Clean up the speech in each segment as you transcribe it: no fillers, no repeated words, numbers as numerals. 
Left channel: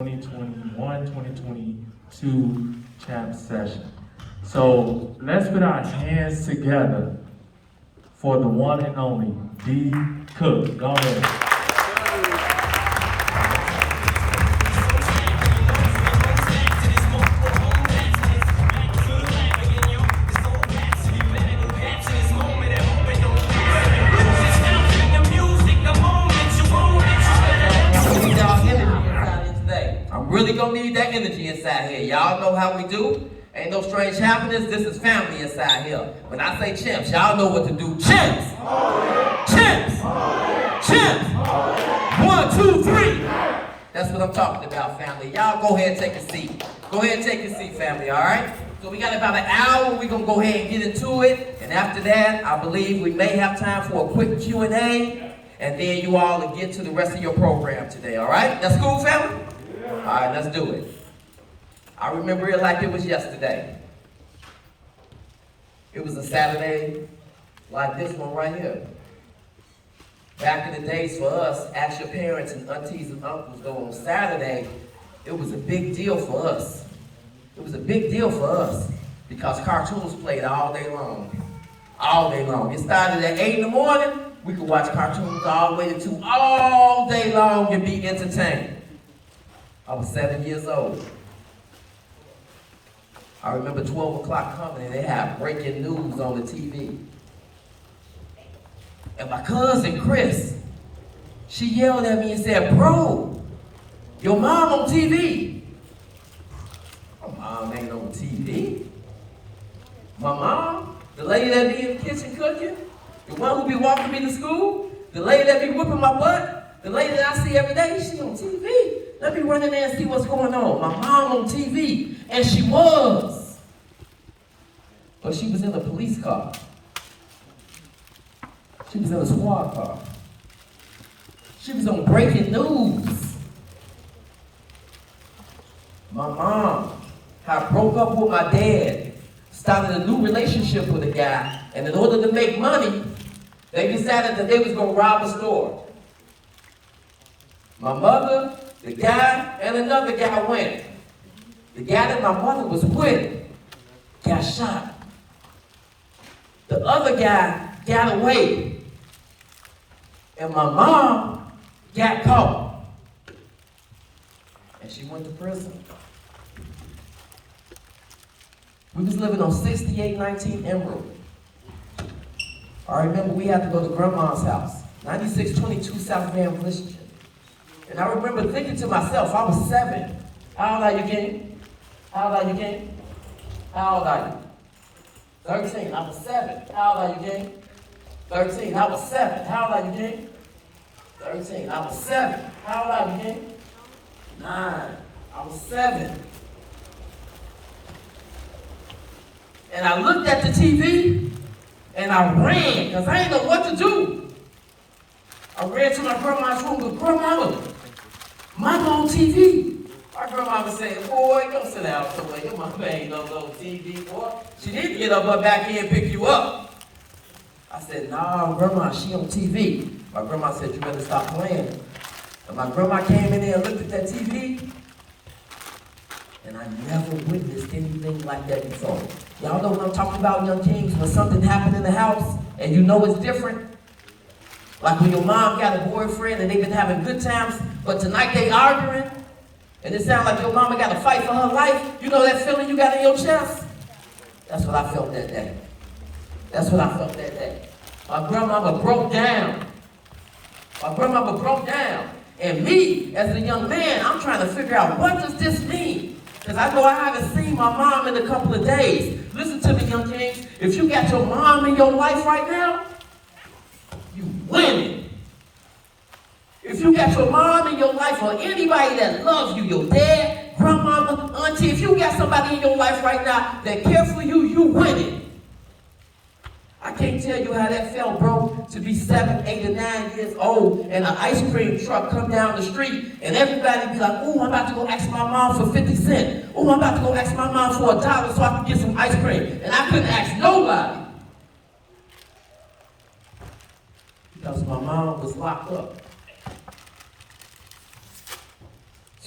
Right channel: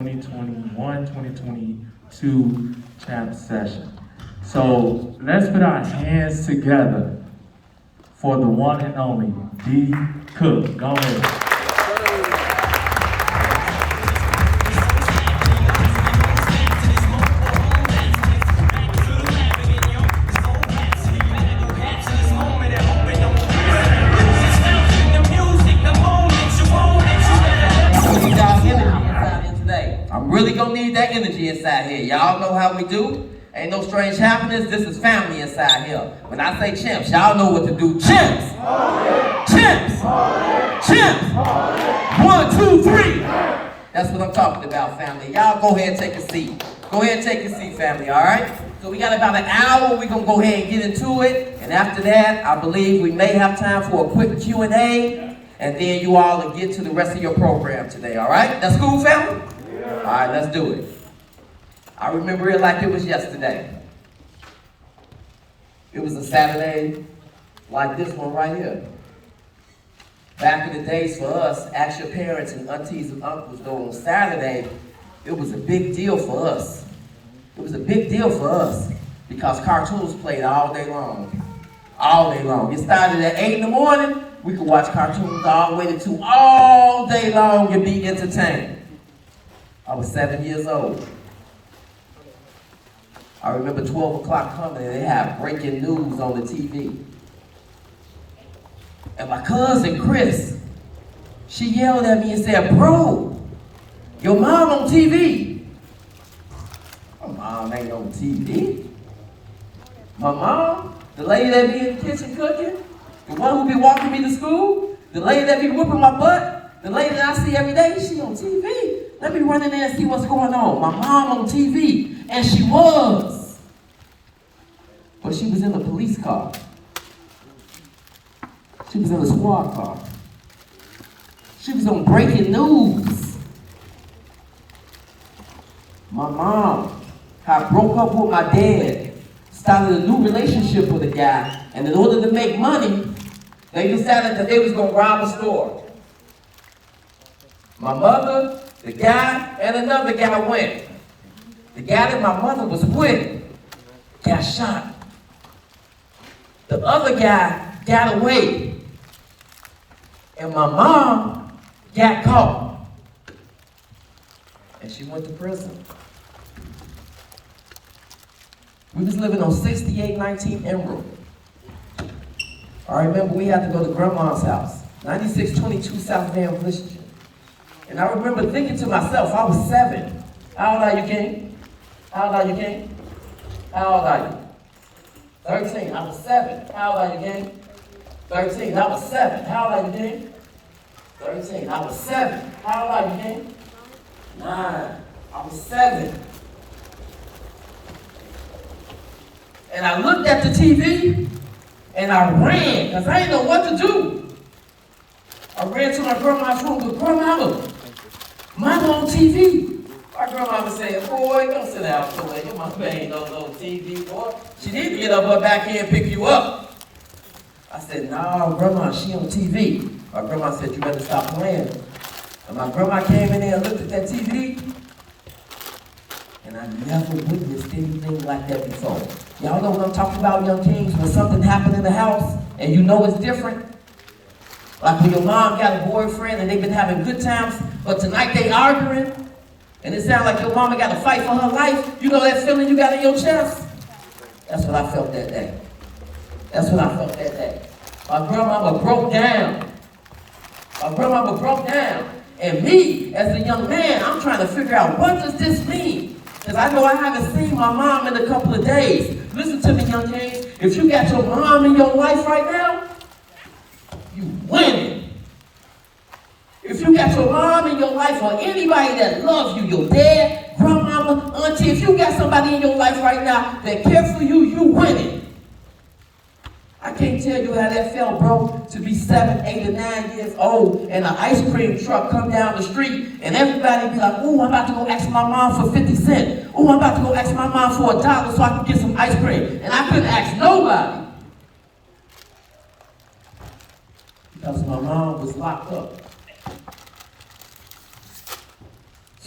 2021-2022 CHAMPS session. So let's put our hands together for the one and only D. Cook. Go ahead. I'm really gonna need that energy inside here. Y'all know how we do. Ain't no strange happenings. This is family inside here. When I say champs, y'all know what to do. Champs! Champs! Champs! 1, 2, 3. That's what I'm talking about, family. Y'all go ahead and take a seat. Go ahead and take a seat, family, all right? So we got about an hour. We're gonna go ahead and get into it. And after that, I believe we may have time for a quick Q&A. And then you all will get to the rest of your program today, all right? That's cool, family? All right, let's do it. I remember it like it was yesterday. It was a Saturday like this one right here. Back in the days for us, ask your parents and aunties and uncles, though on Saturday, it was a big deal for us. It was a big deal for us because cartoons played all day long. All day long. It started at 8 in the morning. We could watch cartoons all the way to 2 all day long and be entertained. I was 7 years old. I remember 12 o'clock coming and they had breaking news on the TV. And my cousin Chris, she yelled at me and said, "Bro, your mom on TV." My mom ain't on TV. My mom, the lady that be in the kitchen cooking, the one who be walking me to school, the lady that be whooping my butt, the lady that I see every day, she on TV. Let me run in there and see what's going on. My mom on TV. And she was. But she was in a police car. She was in a squad car. She was on breaking news. My mom had broke up with my dad, started a new relationship with a guy, and in order to make money, they decided that they was going to rob a store. My mother, the guy, and another guy went. The guy that my mother was with got shot. The other guy got away. And my mom got caught. And she went to prison. We was living on 6819 Emerald. I remember we had to go to Grandma's house, 9622 South Van Christian. And I remember thinking to myself, I was 7. How old are you, King? How old are you, King? How old are you? 13. I was 7. How old are you, King? 13. I was 7. How old are you, King? 13. I was 7. How old are you, King? 9. I was 7. And I looked at the TV and I ran because I didn't know what to do. I ran to my grandma's room, but grandmama, mama on TV. My grandmama said, "Boy, don't sit down, boy. Your mama ain't no TV, boy. She need to get up her back here and pick you up." I said, "No, grandma, she on TV." My grandma said, "You better stop playing." And my grandma came in there and looked at that TV, and I never witnessed anything like that before. Y'all know what I'm talking about, young kings, when something happened in the house and you know it's different? Like when your mom got a boyfriend and they've been having good times, but tonight they arguing, and it sounds like your mama got to fight for her life. You know that feeling you got in your chest? That's what I felt that day. That's what I felt that day. My grandmama broke down. My grandmama broke down. And me, as a young man, I'm trying to figure out, what does this mean? Because I know I haven't seen my mom in a couple of days. Listen to me, young kings. If you got your mom in your life right now, you winning. If you got your mom in your life or anybody that loves you, your dad, grandmama, auntie, if you got somebody in your life right now that care for you, you winning. I can't tell you how that felt, bro, to be 7, 8, or 9 years old and an ice cream truck come down the street and everybody be like, "Ooh, I'm about to go ask my mom for 50 cents. Ooh, I'm about to go ask my mom for $1 so I can get some ice cream." And I couldn't ask nobody because my mom was locked up.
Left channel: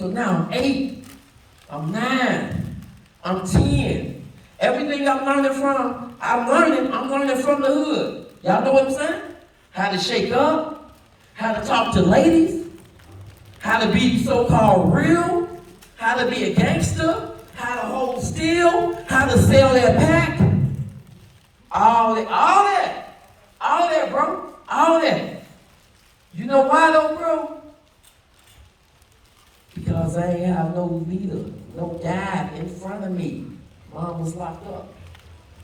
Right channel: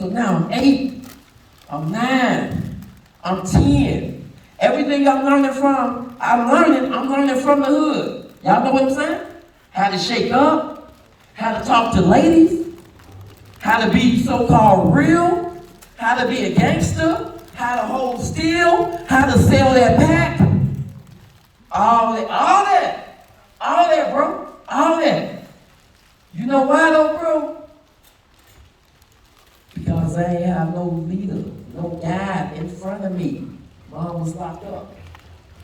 So now I'm 8, I'm 9, I'm 10. Everything I'm learning from the hood. Y'all know what I'm saying? How to shake up, how to talk to ladies, how to be so-called real, how to be a gangster, how to hold still, how to sell that pack. All that, bro. All that. You know why though, bro? Because I ain't have no leader, no guide in front of me. Mom was locked up.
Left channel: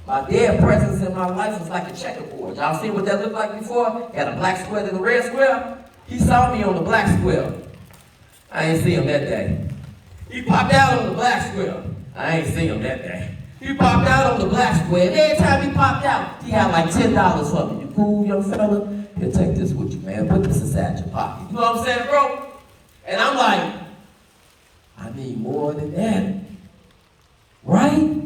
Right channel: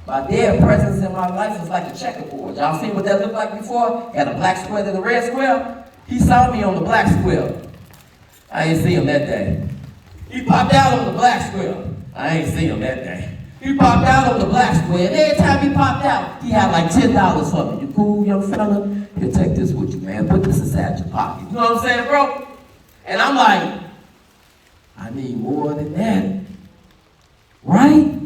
My dad's presence in my life was like a checkerboard. Y'all seen what that looked like before? He had a black square and a red square. He saw me on the black square. I ain't see him that day. He popped out on the black square. I ain't see him that day. He popped out on the black square, and every time he popped out, he had like $10 for me. You cool, young fella? Here, take this with you, man. Put this inside your pocket. You know what I'm saying, bro? And I'm like, I need more than that. Right?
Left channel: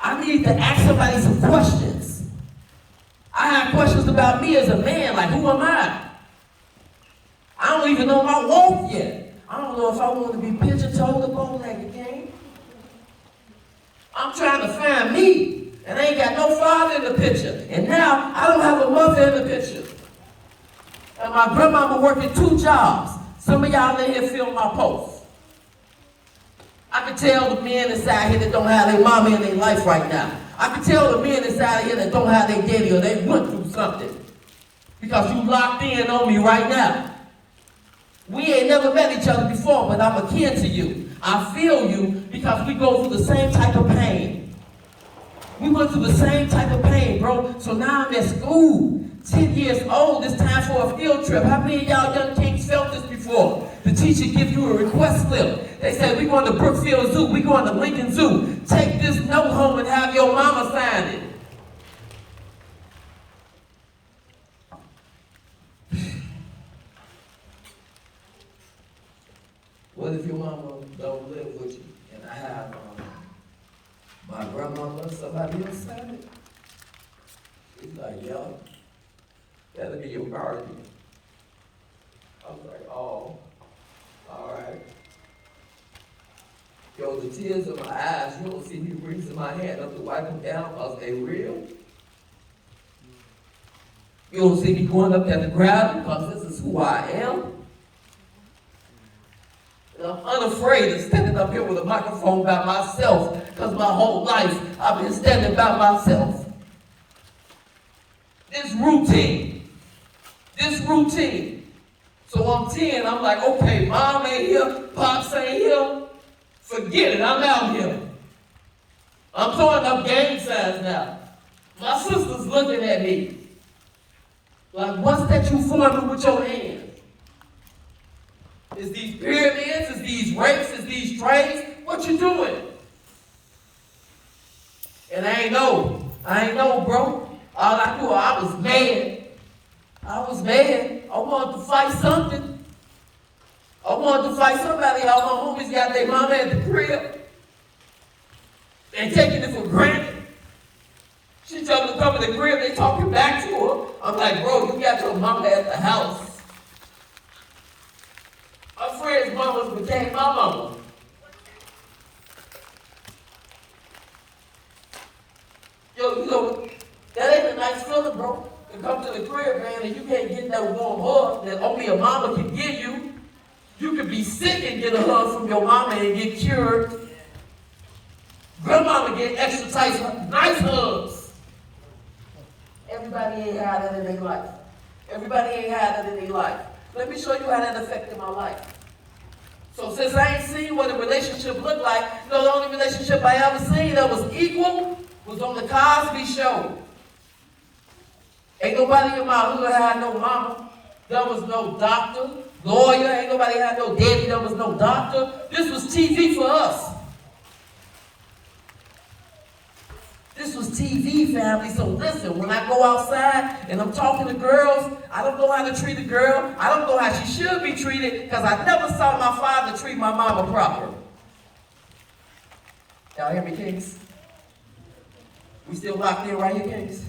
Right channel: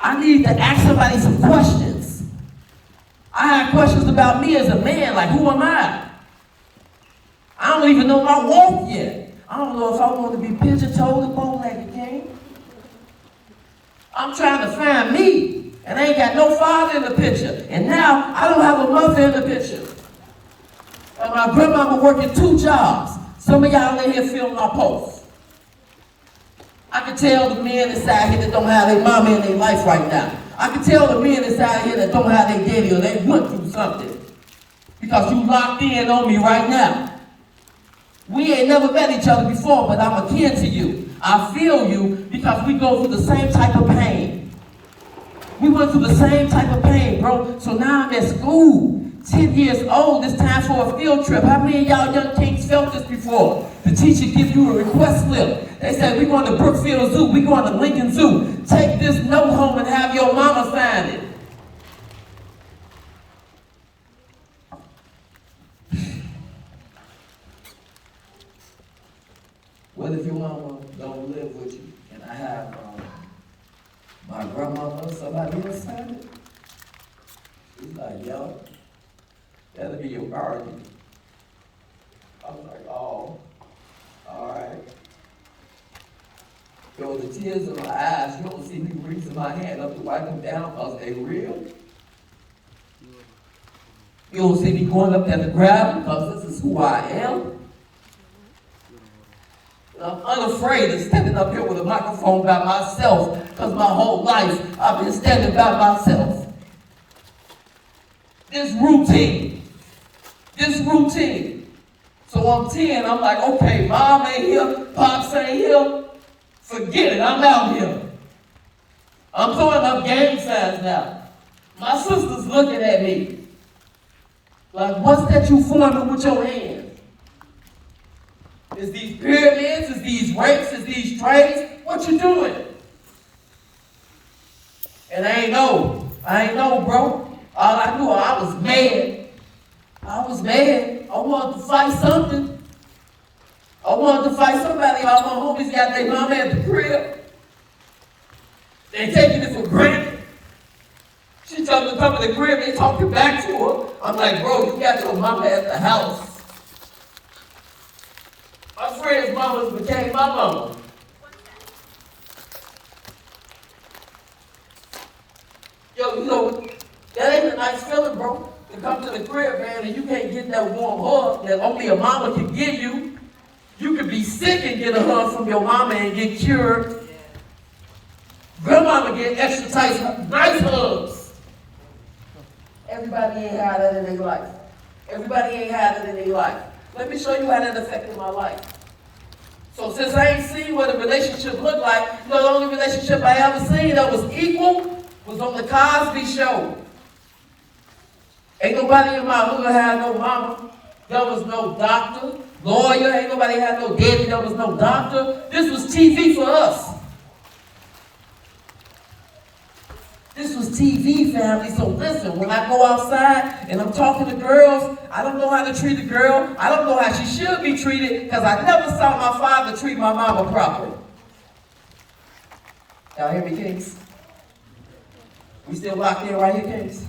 I need to ask somebody some questions. I have questions about me as a man, like who am I? I don't even know my walk yet. I don't know if I want to be pigeon-toed or bow-legged, King. I'm trying to find me, and I ain't got no father in the picture. And now, I don't have a mother in the picture. And my grandmama working 2 jobs. Some of y'all in here feel my pulse. I can tell the men inside here that don't have their mama in their life right now. I can tell the men inside here that don't have their daddy or they went through something. Because you locked in on me right now. We ain't never met each other before, but I'm akin to you. I feel you because we go through the same type of pain. We went through the same type of pain, bro. So now I'm at school, 10 years old. It's time for a field trip. How many of y'all young kings felt this before? The teacher give you a request slip. They said, we're going to Brookfield Zoo. We're going to Lincoln Zoo. Take this note home and have your mama sign it. What if your mama don't live with you and I have my grandmama or somebody else sign it? He's like, yo, that'll be your guardian. I'm like, oh, all right. Yo, the tears in my eyes, you don't see me raising my hand up to wipe them down because they real. You don't see me going up there to grab them because this is who I am. I'm unafraid of standing up here with a microphone by myself because my whole life I've been standing by myself. This routine. So I'm 10, I'm like, okay, mom ain't here, pops ain't here. Forget it, I'm out here. I'm throwing up gang signs now. My sister's looking at me. Like, what's that you forming with your hand? Is these pyramids? Is these rapes? Is these trades? What you doing? And I ain't know, bro. All I knew, I was mad. I wanted to fight something. I wanted to fight somebody. All my homies got their mama at the crib. They taking it for granted. She told me to come to the crib, they talking back to her. I'm like, bro, you got your mama at the house. My friends' mamas became my mama. Yo, you know, that ain't a nice feeling, bro. To come to the crib, man, and you can't get that warm hug that only a mama can give you. You could be sick and get a hug from your mama and get cured. Grandmama get extra tight, nice hugs. Everybody ain't had that in their life. Let me show you how that affected my life. So since I ain't seen what a relationship looked like, you know, the only relationship I ever seen that was equal was on the Cosby Show. Ain't nobody in my hood had no mama. There was no doctor, lawyer. Ain't nobody had no daddy. There was no doctor. This was TV for us. This was TV, family. So listen, when I go outside and I'm talking to girls, I don't know how to treat a girl. I don't know how she should be treated because I never saw my father treat my mama proper. Y'all hear me, Kings? We still locked in right here, Kings?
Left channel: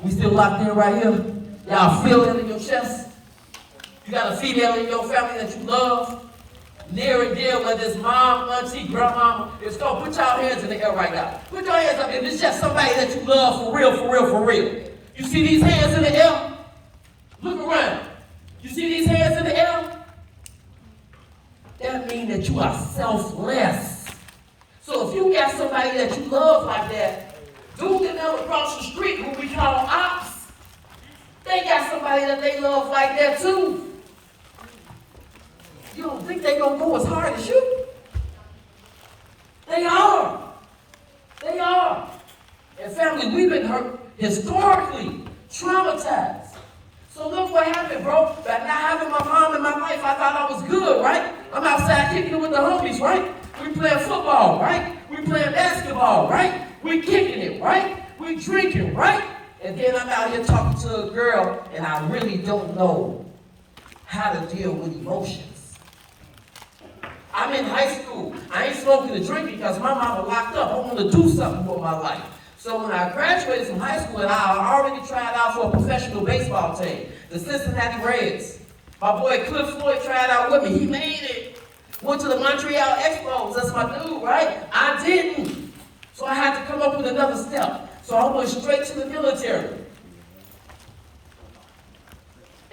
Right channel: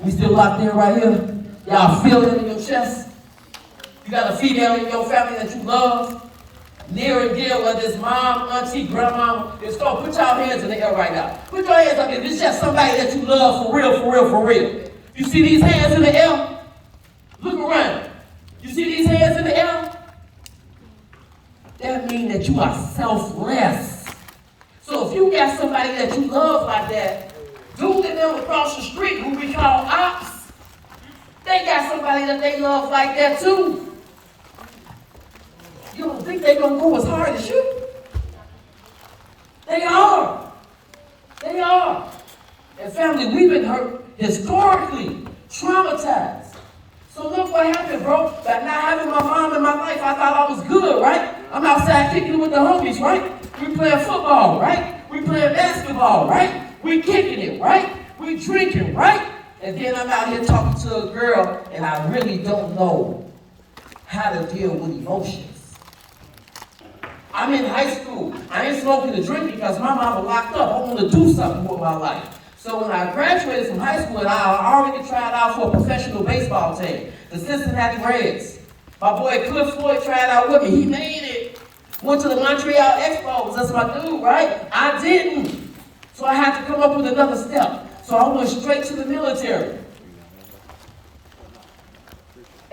We still locked in right here? Y'all feel it in your chest? You got a female in your family that you love? near and dear, whether it's mom, auntie, grandmama, it's go. Put your hands in the air right now. Put your hands up if it's just somebody that you love for real, for real, for real. You see these hands in the air? Look around. You see these hands in the air? That means that you are selfless. So if you got somebody that you love like that, dude and them across the street who we call ops, they got somebody that they love like that too. You don't think they're going to go as hard as you? They are. They are. And family, we've been hurt historically, traumatized. So look what happened, bro. By not having my mom in my life, I thought I was good, right? I'm outside kicking it with the homies, right? We playing football, right? We playing basketball, right? We kicking it, right? We drinking, right? And then I'm out here talking to a girl, and I really don't know how to deal with emotions. I'm in high school. I ain't smoking or drinking because my mama locked up. I want to do something with my life. So when I graduated from high school, and I already tried out for a professional baseball team, the Cincinnati Reds. My boy Cliff Floyd tried out with me. He made it. Went to the Montreal Expos. That's my dude, right? I didn't. So I had to come up with another step. So I went straight to the military.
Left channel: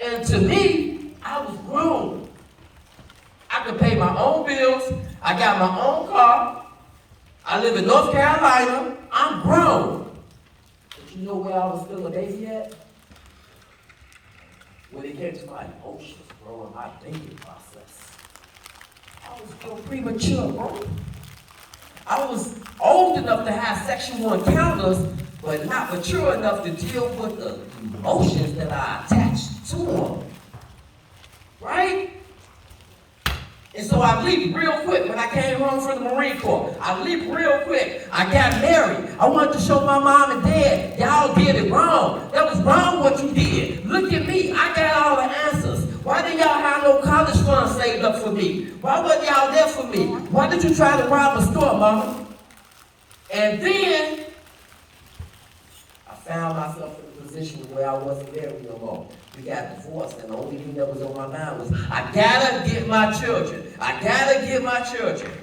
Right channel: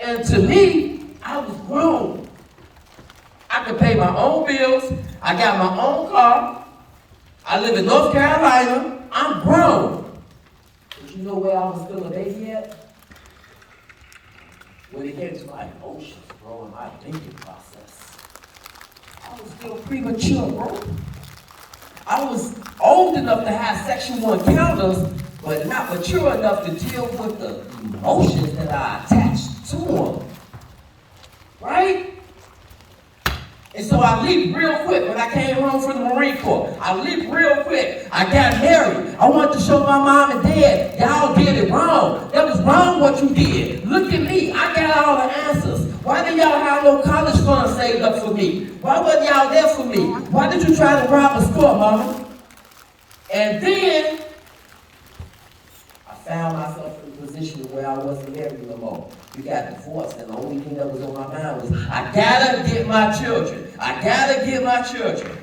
And to me, I was grown. I could pay my own bills. I got my own car. I live in North Carolina. I'm grown. But you know where I was still a baby at? When it came to my emotions, bro, and my thinking process. I was still premature, bro. I was old enough to have sexual encounters, but not mature enough to deal with the emotions that I attached to them. Right? And so I leaped real quick when I came home from the Marine Corps. I leaped real quick. I got married. I wanted to show my mom and dad, y'all did it wrong. That was wrong what you did. Look at me. I got all the answers. Why did y'all have no college fund saved up for me? Why wasn't y'all there for me? Why did you try to rob a store, mama? And then I found myself in a position where I wasn't married no more. We got divorced, and the only thing that was on my mind was, I gotta get my children. I gotta get my children.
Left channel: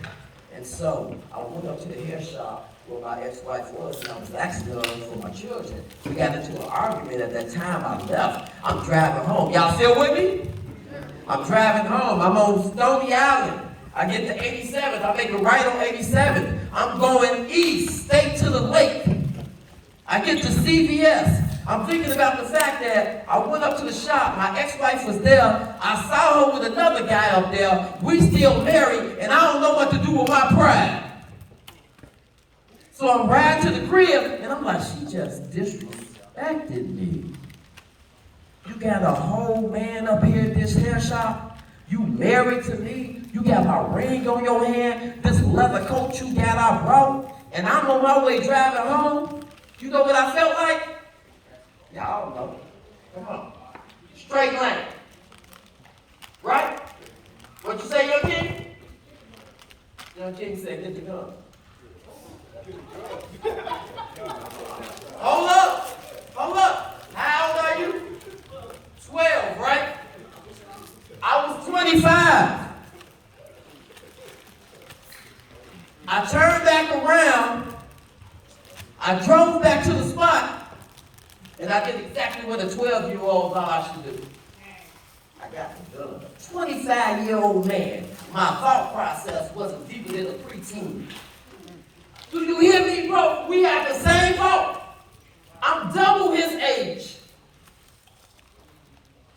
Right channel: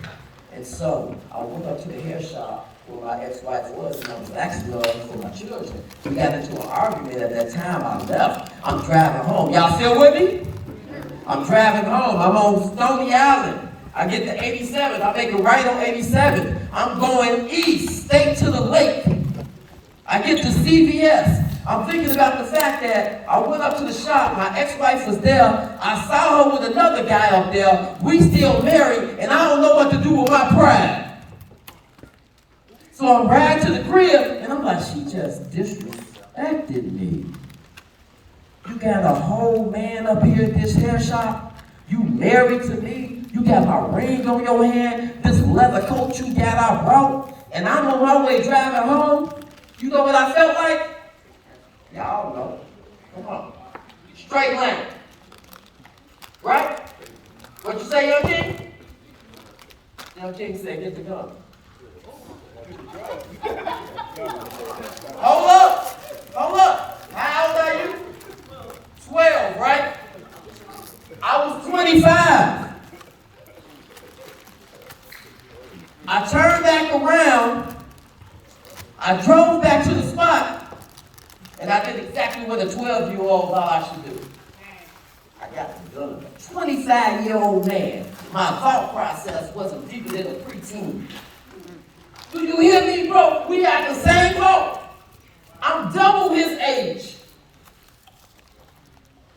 And so I went up to the hair shop where my ex-wife was, and I was asking her for my children. We got into an argument. At that time, I left. I'm driving home. Y'all still with me? I'm driving home. I'm on Stony Island. I get to 87th. I make a right on 87th. I'm going east, straight to the lake. I get to CVS. I'm thinking about the fact that I went up to the shop, my ex-wife was there, I saw her with another guy up there, we still married, and I don't know what to do with my pride. So I'm riding to the crib, and I'm like, she just disrespected me. You got a whole man up here at this hair shop, you married to me, you got my ring on your hand, this leather coat you got I brought, and I'm on my way driving home. You know what I felt like? Y'all know. Come on. Straight lane. Right? What you say, Young King? Young King said, get the gun. Hold up. Hold up. How old are you? 12, right? I was 25. I turned back around. I drove back to the spot. And I did exactly what a 12-year-old thought I should do. I got the gun. A 25-year-old man. My thought process wasn't deeper than a preteen. Do you hear me, bro? We got the same thought. I'm double his age.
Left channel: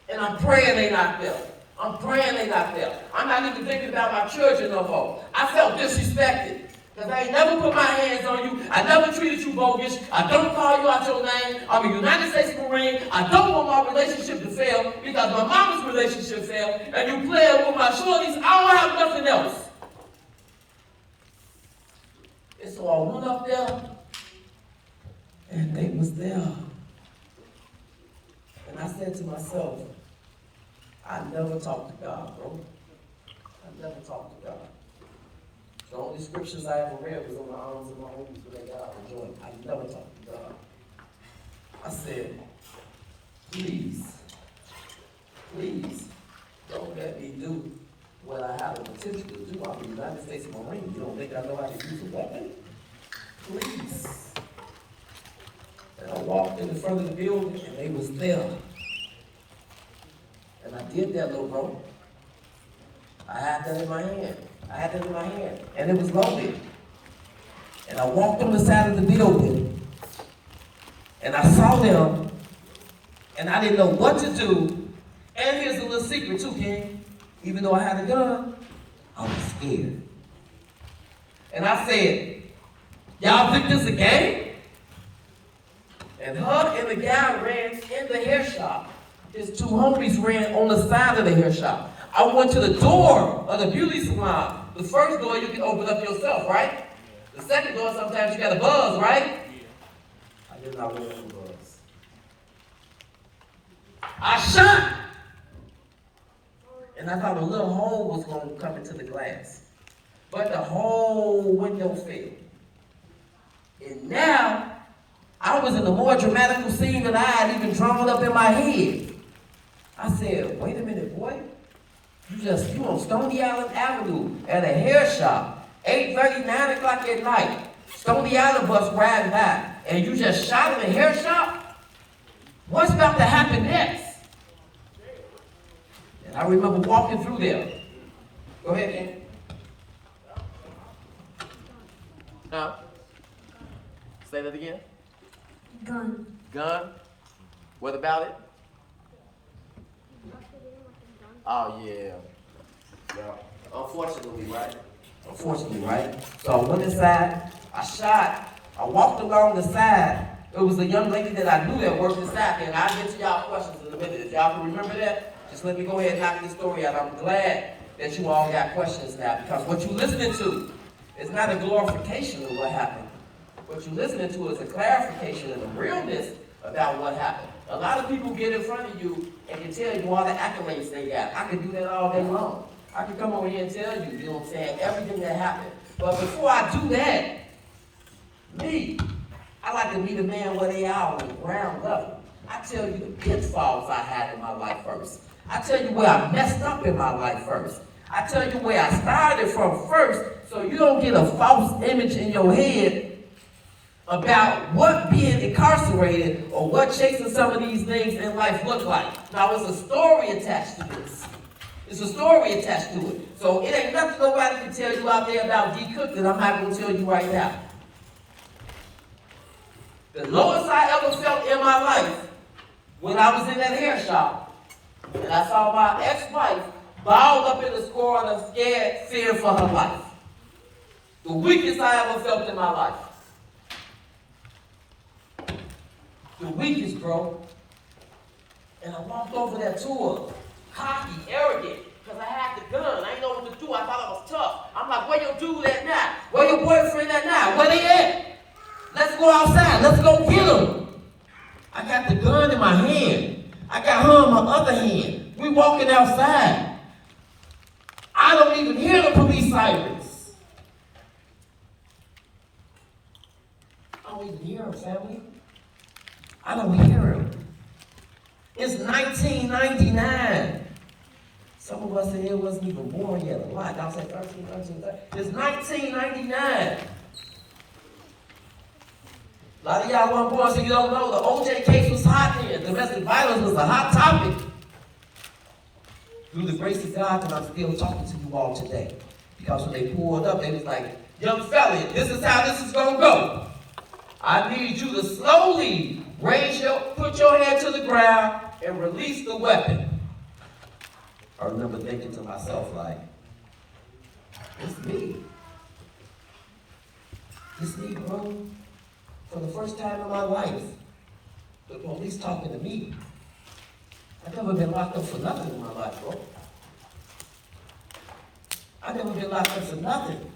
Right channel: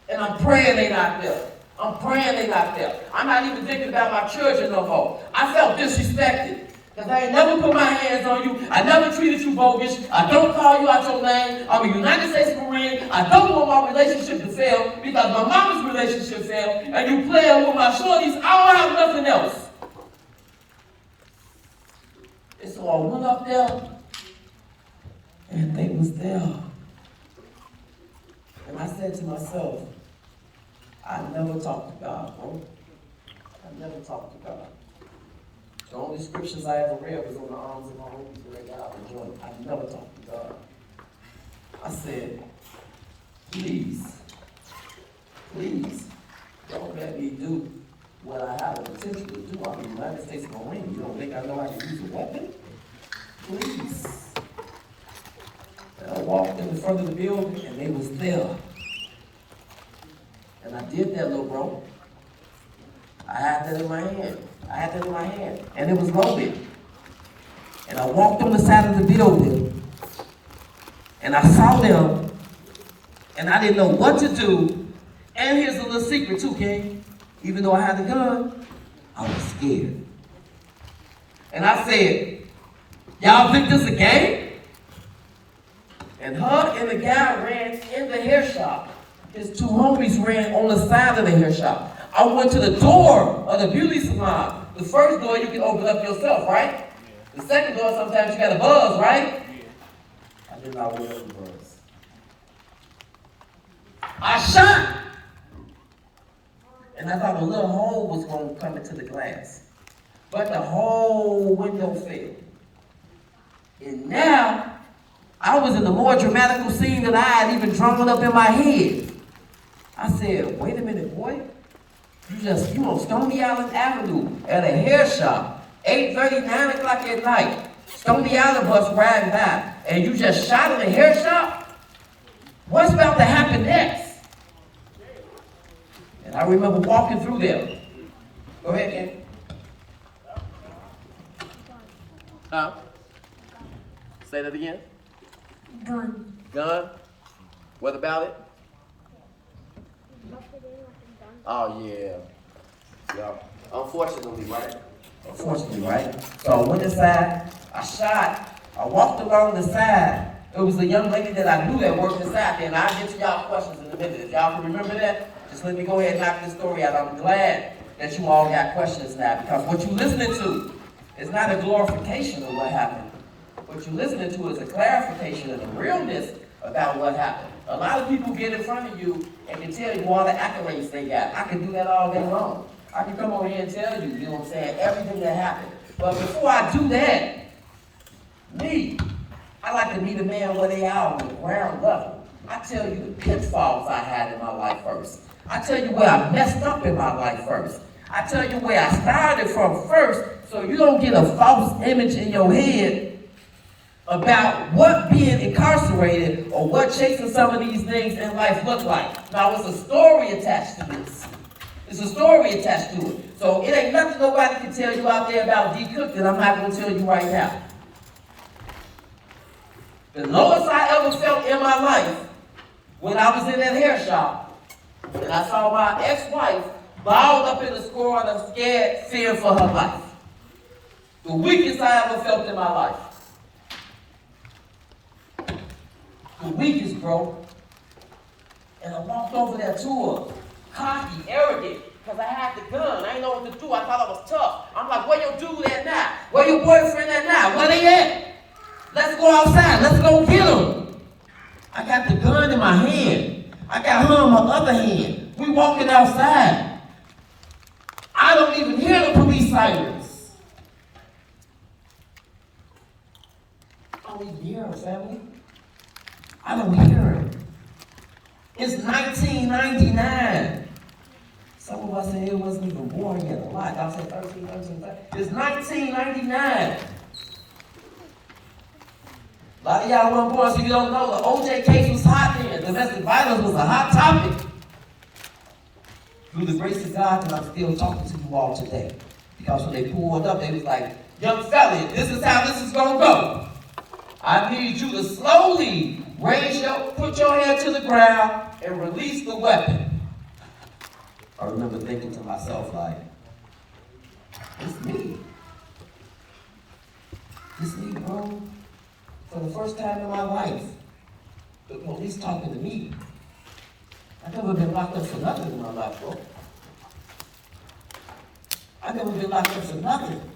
And I'm praying they not there. I'm praying they not there. I'm not even thinking about my children no more. I felt disrespected. Because I ain't never put my hands on you. I never treated you bogus. I don't call you out your name. I'm a United States Marine. I don't want my relationship to fail because my mama's relationship failed. And you playing with my shorties, I don't have nothing else. And so I went up there, and they was there. And I said to myself, I never talked to God, bro. I never talked to God. The only scriptures I ever read was on the arms of my homies when they got out the joint. I never talked to God. I said, please, don't let me do what I have the potential to do. I'm a United States Marine. You don't think I know how to use a weapon? Please. And I walked in the front of the building, and they was there. And I did that, little bro. I had that in my hand. And it was loaded. And I walked on the side of the building, and I saw them, and I didn't know what to do. And here's a little secret too, King. Even though I had a gun, I was scared. And I said, y'all think this a game? And her and the guy ran in the hair shop. His two homies ran on the side of the hair shop. I went to the door of the beauty salon. The first door you can open up yourself, right? The second door, sometimes you got a buzz, right? I did not wear the buzz. I shot. And I thought a little hole was going to come into the glass. But the whole window fell. And now, I was in the more dramatical scene that I had even drawn up in my head. I said, wait a minute, boy. You on Stony Island Avenue at a hair shop, 8:30, 9 o'clock at night. Stony Island bus riding by, and you just shot in a hair shop? What's about to happen next? And I remember walking through there. Go ahead, Ken. Say that again. Gun. Gun? What about it? Oh, yeah. Yeah. Unfortunately, right? So I went inside, I shot, I walked along the side. It was a young lady that I knew that worked inside there, and I'll get to y'all questions in a minute. If y'all can remember that, just let me go ahead and knock this story out. I'm glad that you all got questions now, because what you're listening to is not a glorification of what happened. What you're listening to is a clarification of the realness about what happened. A lot of people get in front of you and can tell you all the accolades they got. I can do that all day long. I can come over here and tell you, you know what I'm saying, everything that happened. But before I do that, I like to meet a man where they are on the ground level. I tell you the pitfalls I had in my life first. I tell you where I messed up in my life first. I tell you where I started from first, so you don't get a false image in your head about what being incarcerated or what chasing some of these things in life look like. Now, it's a story attached to this. It's a story attached to it. So it ain't nothing nobody can tell you out there about D. Cook that I'm not going to tell you right now. The lowest I ever felt in my life when I was in that hair shop, and I saw my ex-wife balled up in the corner, scared, fearing for her life. The weakest I ever felt in my life. The weakest, bro. And I walked over there to her, cocky, arrogant, because I had the gun. I didn't know what to do. I thought I was tough. I'm like, where your dude at now? Where your boyfriend at now? Where they at? Let's go outside. Let's go get them. I got the gun in my hand. I got her in my other hand. We walking outside. I don't even hear the police sirens. I don't even hear them, family. I don't hear him. It's 1999. Some of us in here wasn't even born yet. A lot. I said 13. It's 1999. A lot of y'all weren't born, so you don't know. The OJ case was hot then. Domestic violence was a hot topic. Through the grace of God, that I'm still talking to you all today. Because when they pulled up, they was like, young fella, this is how this is going to go. I need you to slowly put your hand to the ground and release the weapon. I remember thinking to myself, like, it's me. It's me, bro. For the first time in my life, the police talking to me. I've never been locked up for nothing in my life, bro. I've never been locked up for nothing.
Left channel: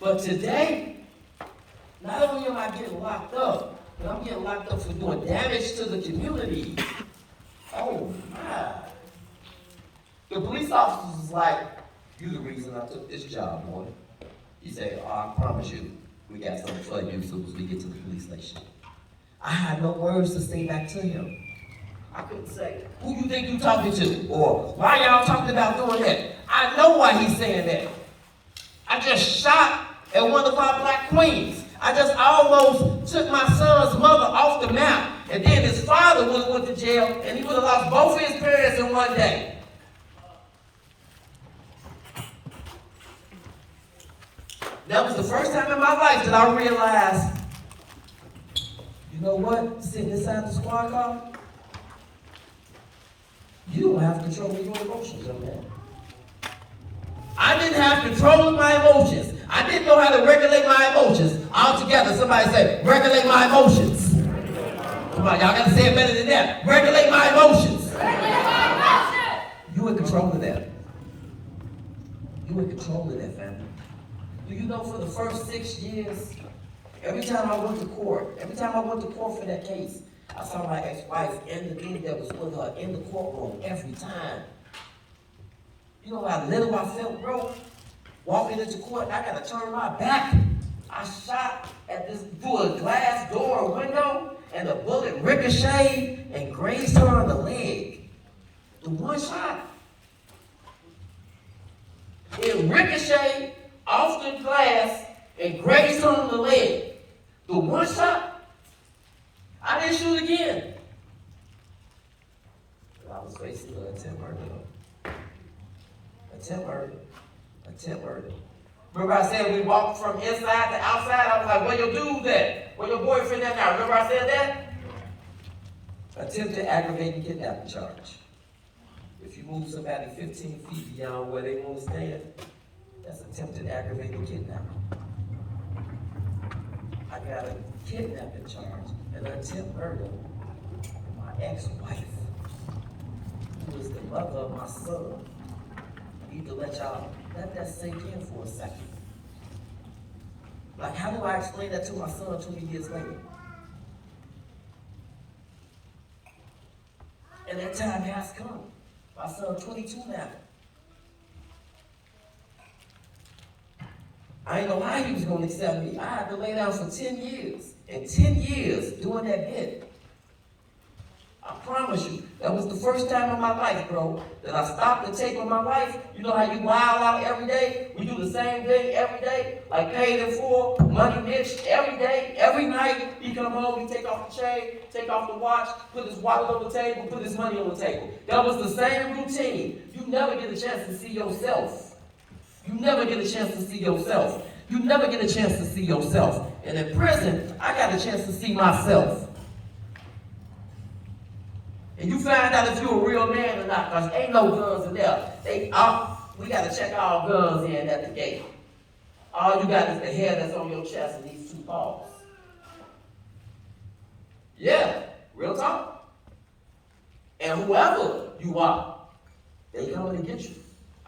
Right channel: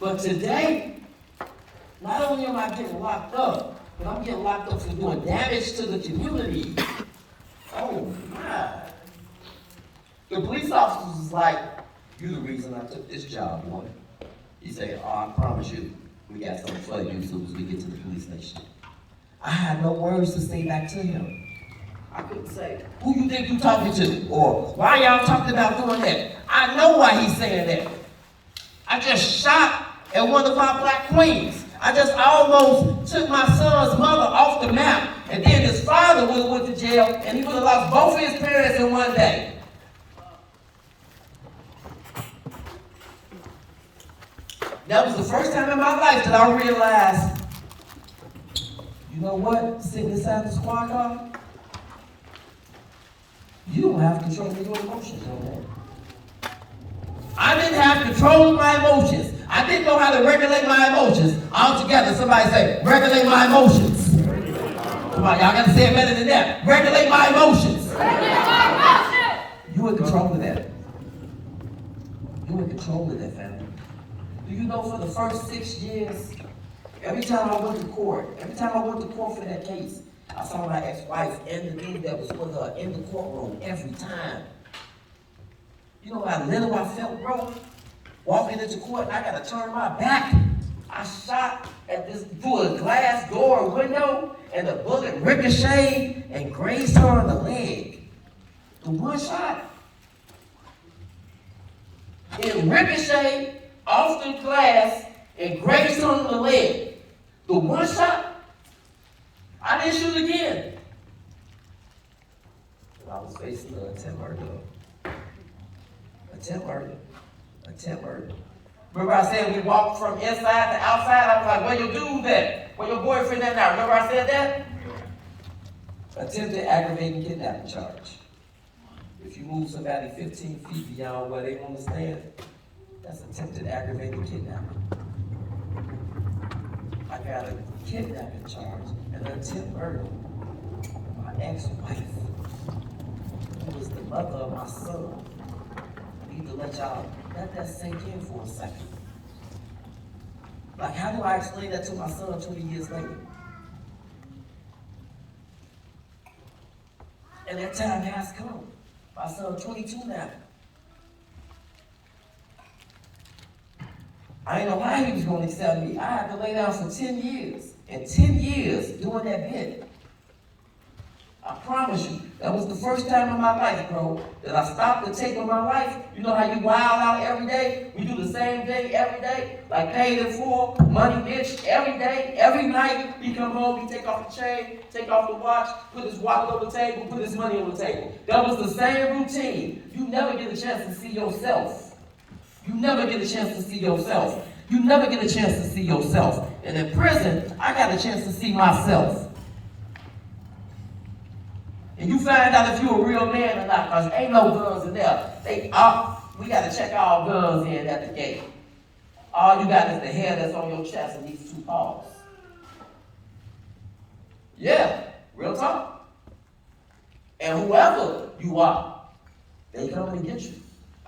But today, not only am I getting locked up, but I'm getting locked up for doing damage to the community. Oh my. The police officer was like, "You the reason I took this job, woman." He said, "Oh, I promise you, we got something for you as soon as we get to the police station." I had no words to say back to him. I couldn't say, "Who you think you talking to?" Or, "Why y'all talking about doing that?" I know why he's saying that. I just shot at one of our black queens. I just almost took my son's mother off the map. And then his father would have went to jail, and he would have lost both of his parents in one day. That was the first time in my life that I realized, you know what? Sitting inside the squad car, you don't have control of your emotions, young man. I didn't have control of my emotions. I didn't know how to regulate my emotions. All together, somebody say, regulate my emotions. Come on, y'all got to say it better than that. Regulate my emotions. You in control of that. You in control of that, family. Do you know for the first 6 years, every time I went to court for that case, I saw my ex-wife and the dude that was with her in the courtroom every time. You know how little I felt, bro? Walking into court, and I gotta turn my back. I shot at this through a glass door window, and the bullet ricocheted and grazed her on the leg. The one shot. It ricocheted off the glass and grazed her on the leg. The one shot. I didn't shoot again. I was facing an attempt murder. Attempt murder. Remember I said we walked from inside to outside? I was like, where your dude at? Where your boyfriend at now? Remember I said that? Attempted aggravating kidnapping charge. If you move somebody 15 feet beyond where they want to stand, that's attempted aggravating kidnapping. I got a kidnapping charge and an attempt murder. My ex-wife, who was the mother of my son. I need to let that sink in for a second. Like, how do I explain that to my son 20 years later? And that time has come. My son's 22 now. I didn't know how he was going to accept me. I had to lay down for 10 years. And 10 years doing that bit. I promise you, that was the first time in my life, bro, that I stopped to take on my life. You know how you wild out every day? We do the same thing every day, like paid in full, money bitch, every day, every night. He come home, he take off the chain, take off the watch, put his wallet on the table, put his money on the table. That was the same routine. You never get a chance to see yourself. You never get a chance to see yourself. You never get a chance to see yourself. And in prison, I got a chance to see myself. And you find out if you're a real man or not, because ain't no guns in there. We got to check all guns in at the gate. All you got is the hair that's on your chest and these 2 paws. Yeah, real talk. And whoever you are, they coming to get you.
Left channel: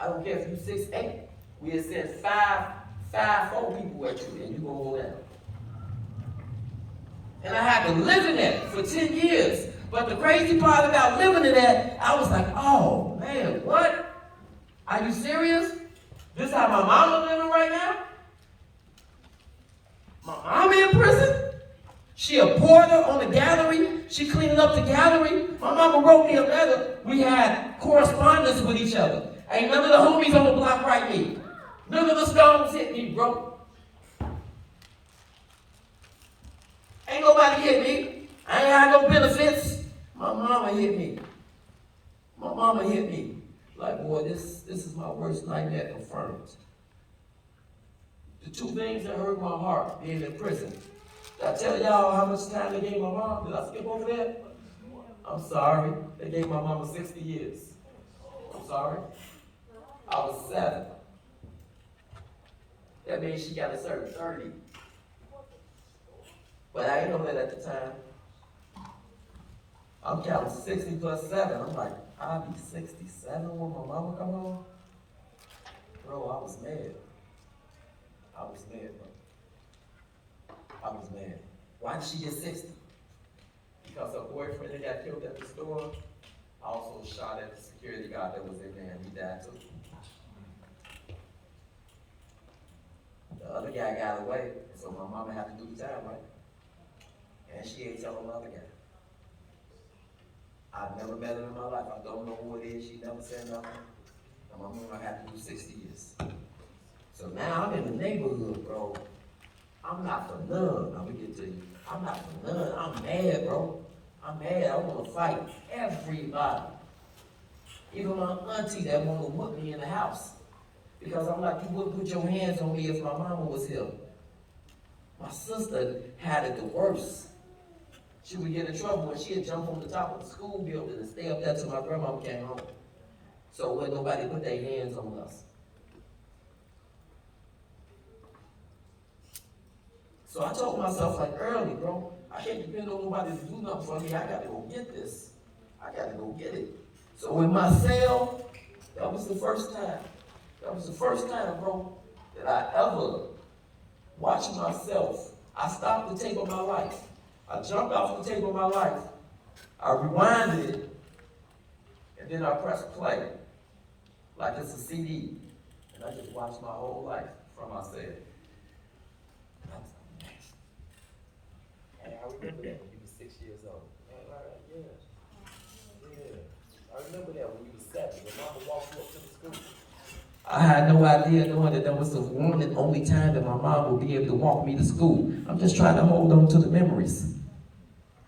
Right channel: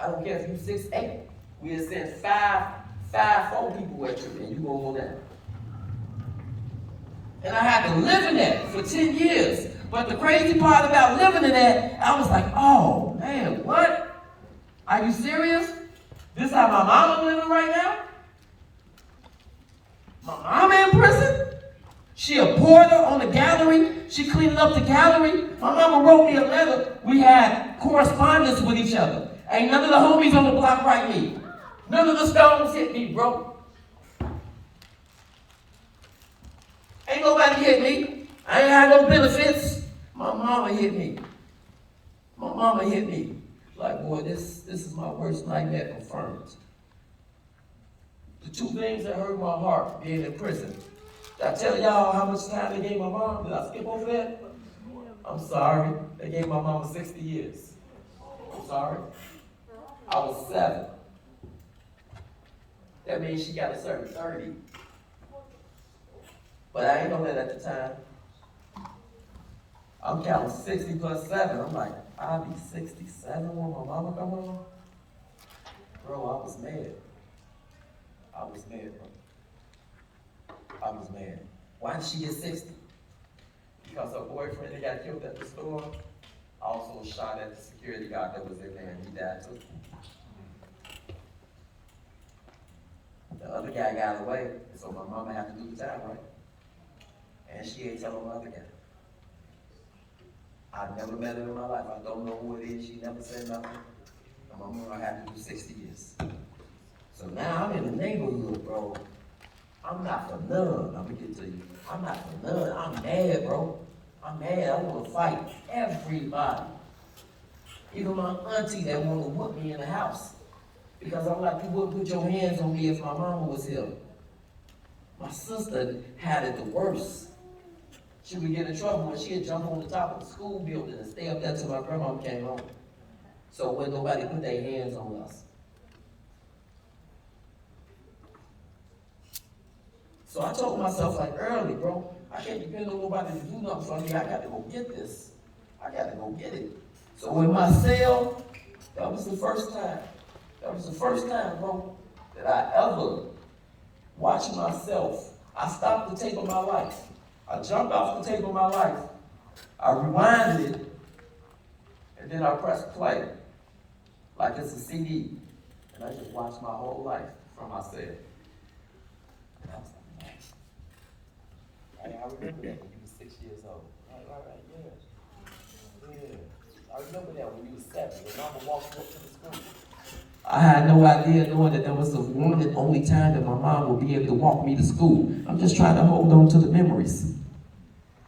I don't care if you 6'8". We'll send 4 people at you, and you gonna go down. And I had to live in that for 10 years. But the crazy part about living in that, I was like, oh man, what? Are you serious? This is how my mama living right now? My mama in prison? She a porter on the gallery. She cleaning up the gallery. My mama wrote me a letter. We had correspondence with each other. Ain't none of the homies on the block write me. None of the stones hit me, bro. Ain't nobody hit me. I ain't had no benefits. My mama hit me. My mama hit me. Like, boy, this is my worst nightmare confirmed. The 2 things that hurt my heart being in prison. Did I tell y'all how much time they gave my mom? Did I skip over that? I'm sorry. They gave my mama 60 years. I'm sorry. I was 7. That means she got to serve 30. But I ain't know that at the time. I'm counting 60 plus 7. I'm like, I'll be 67 when my mama come home. Bro, I was mad. I was mad, bro. I was mad. Why did she get 60? Because her boyfriend that got killed at the store also shot at the security guard that was in there, and he died too. The other guy got away, and so my mama had to do the time, right? And she ain't telling the other guy. I've never met her in my life. I don't know who it is. She never said nothing. and my mom had to do 60 years. So now I'm in the neighborhood, bro. I'm not for none. Let me get to you. I'm not for none. I'm mad, bro. I'm mad. I want to fight everybody. Even my auntie that want to whoop me in the house. Because I'm like, you wouldn't put your hands on me if my mama was here. My sister had it the worst. She would get in trouble when she'd jump on the top of the school building and stay up there till my grandma came home. So when nobody put their hands on us. So I told myself like early, bro, I can't depend on nobody to do nothing for me. I got to go get this. I got to go get it. So in my cell, that was the first time. That was the first time, bro, that I ever watched myself. I stopped the tape of my life. I jumped off the tape of my life. I rewinded it, and then I pressed play, like it's a CD. And I just watched my whole life from my cell. That was the next. And I remember that when you were 6 years old. Right, yeah. Yeah. I remember that when you were 7, when Mama walked you up to the school. I had no idea knowing that was the one and only time that my mom would be able to walk me to school. I'm just trying to hold on to the memories.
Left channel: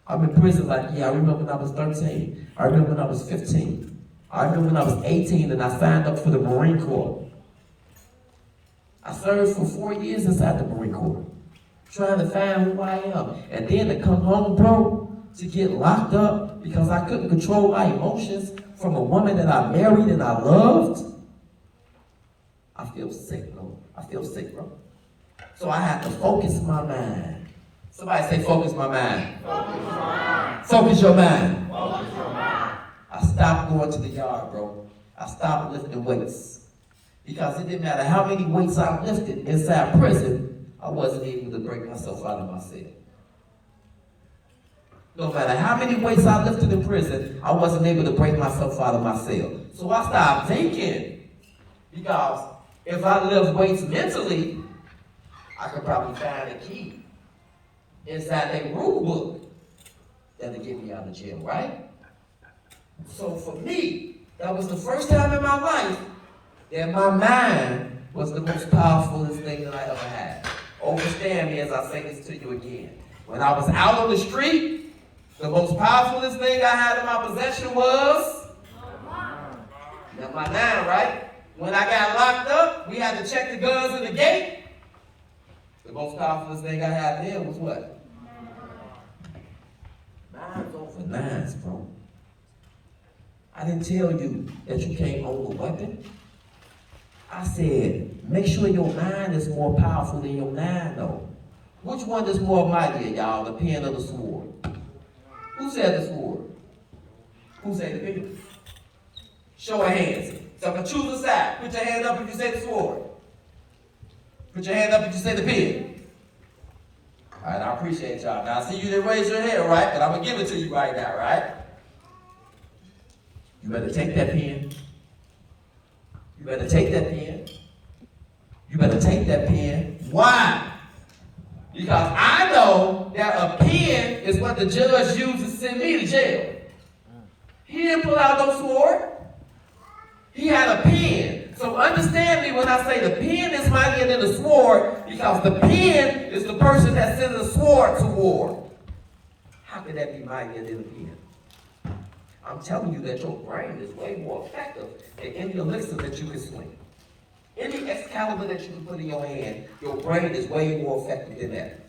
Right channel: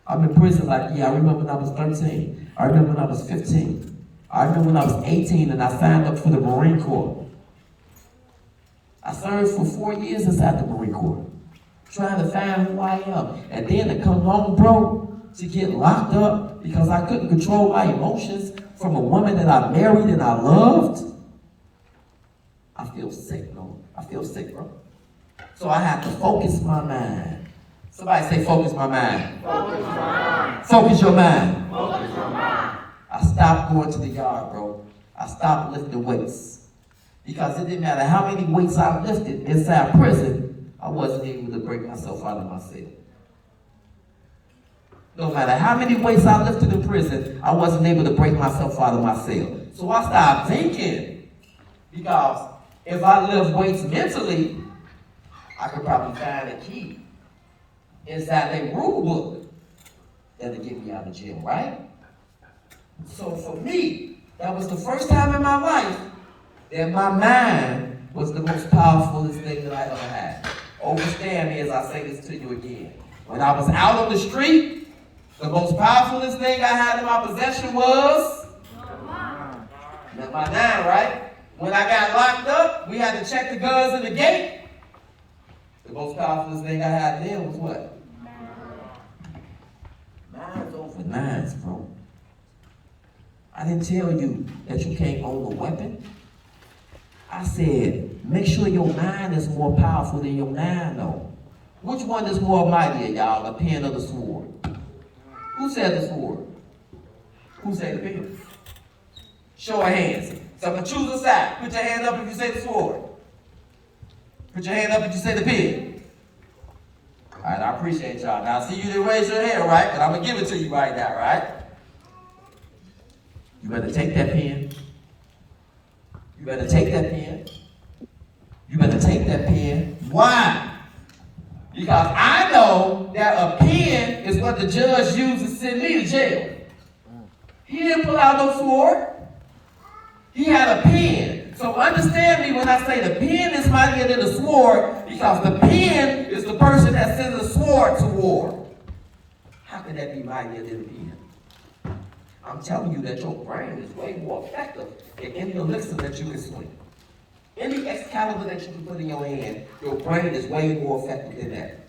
I'm in prison like, I remember when I was 13. I remember when I was 15. I remember when I was 18 and I signed up for the Marine Corps. I served for 4 years inside the Marine Corps, trying to find who I am. And then to come home, bro, to get locked up because I couldn't control my emotions from a woman that I married and I loved. I feel sick, bro. I feel sick, bro. So I had to focus my mind. Somebody say, focus my mind. Focus your mind. Focus your mind. Focus your mind. I stopped going to the yard, bro. I stopped lifting weights. Because it didn't matter how many weights I lifted inside prison, I wasn't able to break myself out of my cell. No matter how many weights I lifted in prison, I wasn't able to break myself out of my cell. So I started thinking, because if I lift weights mentally, I could probably find a key inside a rule book that'll get me out of jail, right? So for me, that was the first time in my life that my mind was the most powerfulest thing that I ever had. Understand me as I say this to you again. When I was out on the street, the most powerfulest thing I had in my possession was my mind, right? When I got locked up, we had to check the guns in the gate. The most powerful thing I had then was what? Nines over nines, bro. I didn't tell you that you can't own a weapon. I said, make sure your mind is more powerful than your nine, though. Which one is more mighty, y'all, the pen or the sword? Who said the sword? Who said the pen? Show of hands. So I can choose a side. Put your hand up if you say the sword. Put your hand up if you say the pen. All right, I appreciate y'all. Now, I see you didn't raise your hand, right? But I'm going to give it to you right now, right? You better take that pen. You better take that pen. You better take that pen. Why? Because I know that a pen is what the judge used to send me to jail. He didn't pull out no sword. He had a pen. So understand me when I say the pen is mightier than the sword, because the pen is the person that sends the sword to war. How could that be mightier than the pen? I'm telling you that your brain is way more effective than any elixir that you can swing. Any Excalibur that you can put in your hand, your brain is way more effective than that.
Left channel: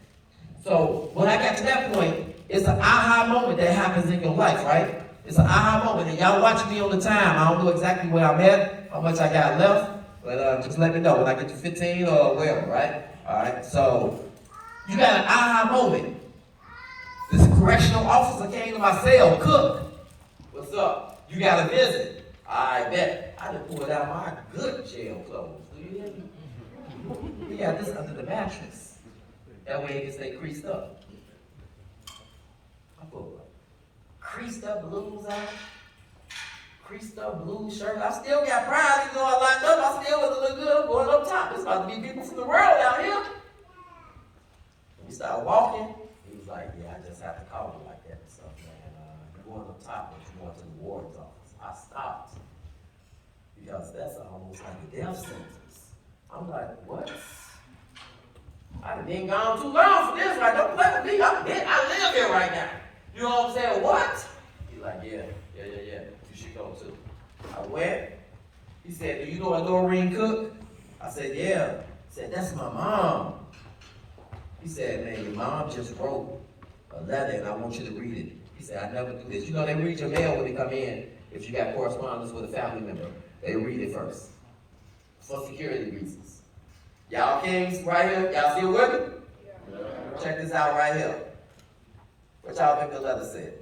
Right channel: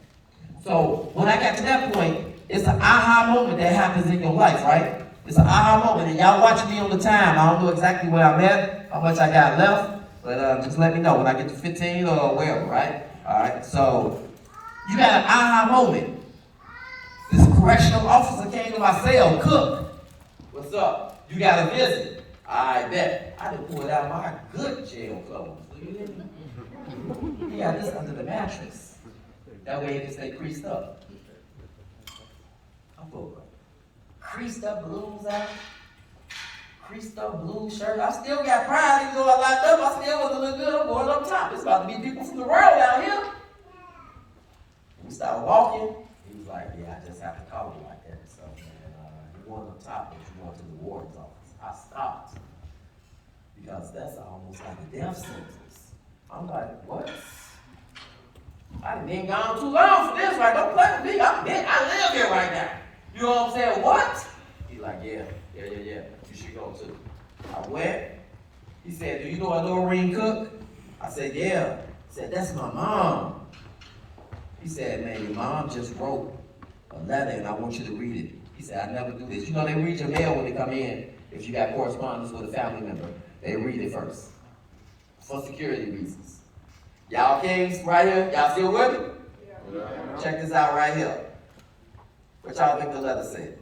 So when I got to that point, it's an aha moment that happens in your life, right? It's an aha moment, and y'all watch me on the time. I don't know exactly where I'm at, how much I got left, but just let me know when I get to 15 or wherever, right? All right, so you got an aha moment. This correctional officer came to my cell, Cook. What's up? You got a visit? I bet. I done pulled out my good jail clothes. Do you hear me? We got this under the mattress. That way it can stay creased up. I put creased up blues out. Creased up blue shirt. I still got pride, even though I locked up. I still wasn't look good. I'm going up top. It's about to be people from the world out here. We started walking. He was like, yeah, I just have to call you like that or something, man. You're going up top, but you're going to the warden's office. I stopped. because that's almost like a death sentence. I'm like, what? I done been gone too long for this. Like, don't play with me. I live here right now. You know what I'm saying? What? He's like, yeah. You should go too. I went. He said, do you know a Lorraine Cook? I said, yeah. He said, that's my mom. He said, man, your mom just wrote a letter and I want you to read it. He said, I never do this. You know, they read your mail when they come in. If you got correspondence with a family member, they read it first. For security reasons. Y'all kings right here, y'all still with me? Yeah. Check this out right here. What y'all think the letter said?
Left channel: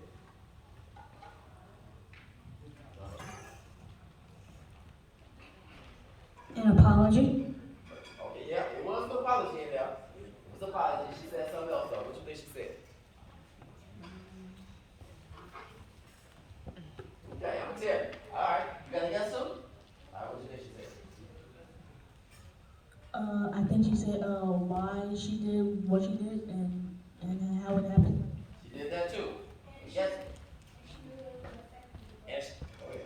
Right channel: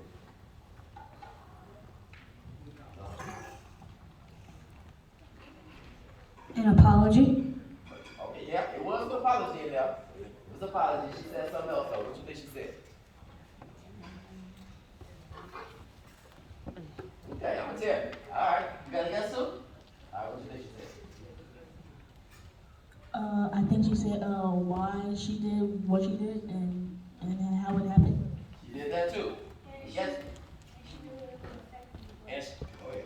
An apology? Okay, yeah, it was an apology in there. It was an apology. She said something else though. What you think she said? Okay, I'm gonna tell you. All right, you got a guess too? All right, what you think she said? I think she said, why she did what she did and how it happened. She did that too. Yes. And she, oh yeah.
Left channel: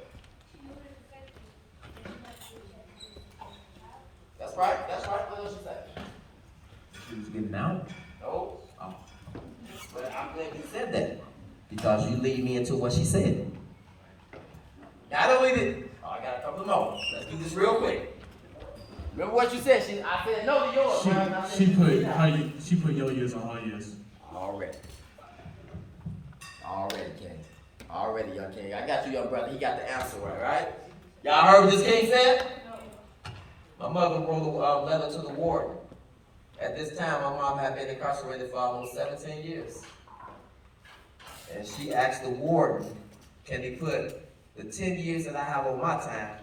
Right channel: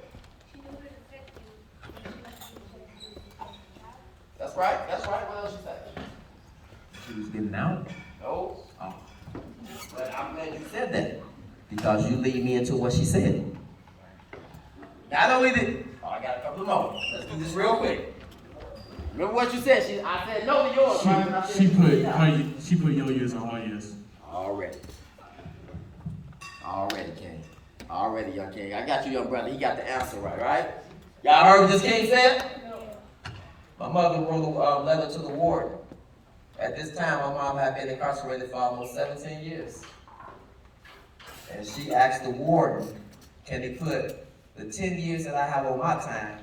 That's right. What else she said? She was getting out. No. Oh. But I'm glad you said that. Because you lead me into what she said. Not only did, I got a couple more. Let's do this real quick. Remember what you said? I said no to yours. She put your years on her years. Already, King. Already, young King. I got you, young brother. He got the answer right? Y'all heard what this King said? My mother wrote a letter to the warden. At this time, my mom had been incarcerated for almost 17 years. And she asked the warden, can he put the 10 years that I have on my time